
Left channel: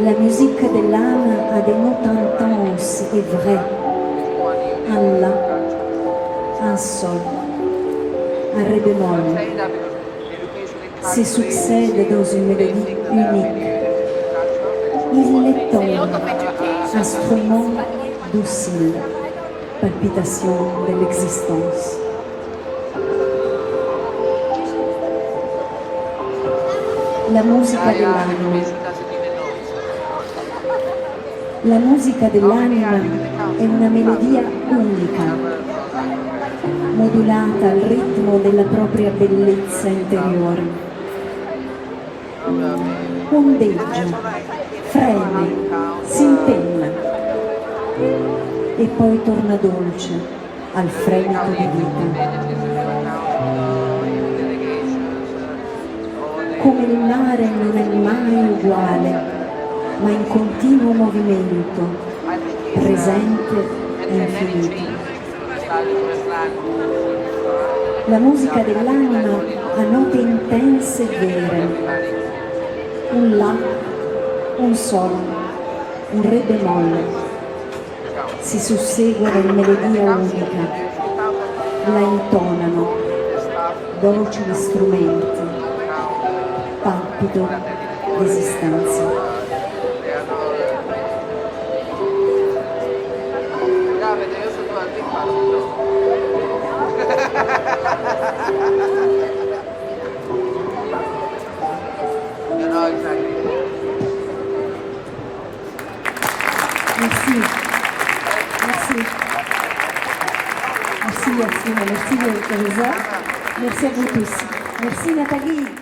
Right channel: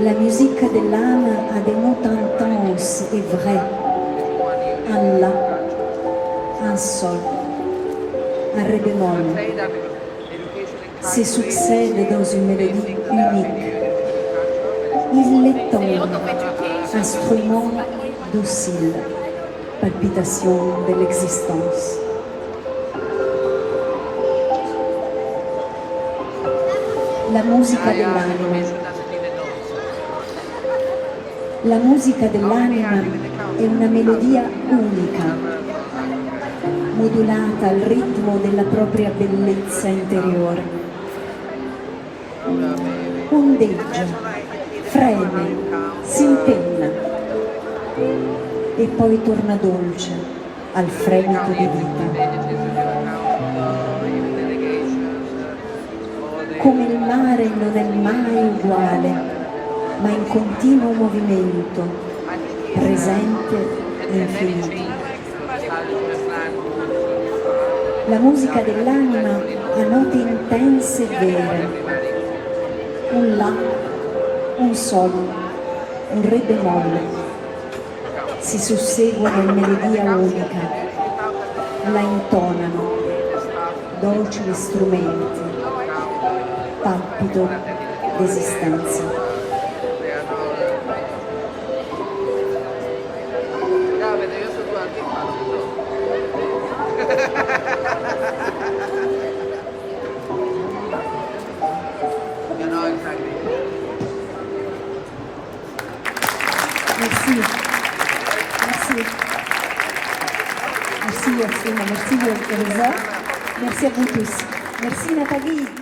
La musique de l'âme a des notes intenses et vraies, un la, un sol, un ré bémol, se succèdent dans une mélodie unique. Il est temps, instrument docile, palpitation de l'existence. La musica dell'anima. La musica dell'anima è una melodia unica, modulata al ritmo della propria bellezza interiore. Ondeggia, freme, si impenna e poi torna dolce al fremito di vita. Come il mare non è mai uguale, ma in continuo movimento, presente e infinito. La musica dell'anima ha note intense e vere, un La, un Sol, un Re bemolle, si susseguono in melodia unica, la intonano, docili strumenti, palpito d'esistenza. Merci. Merci. Merci Yacine, merci Elisa. Merci à vous tous. Merci Nathalie.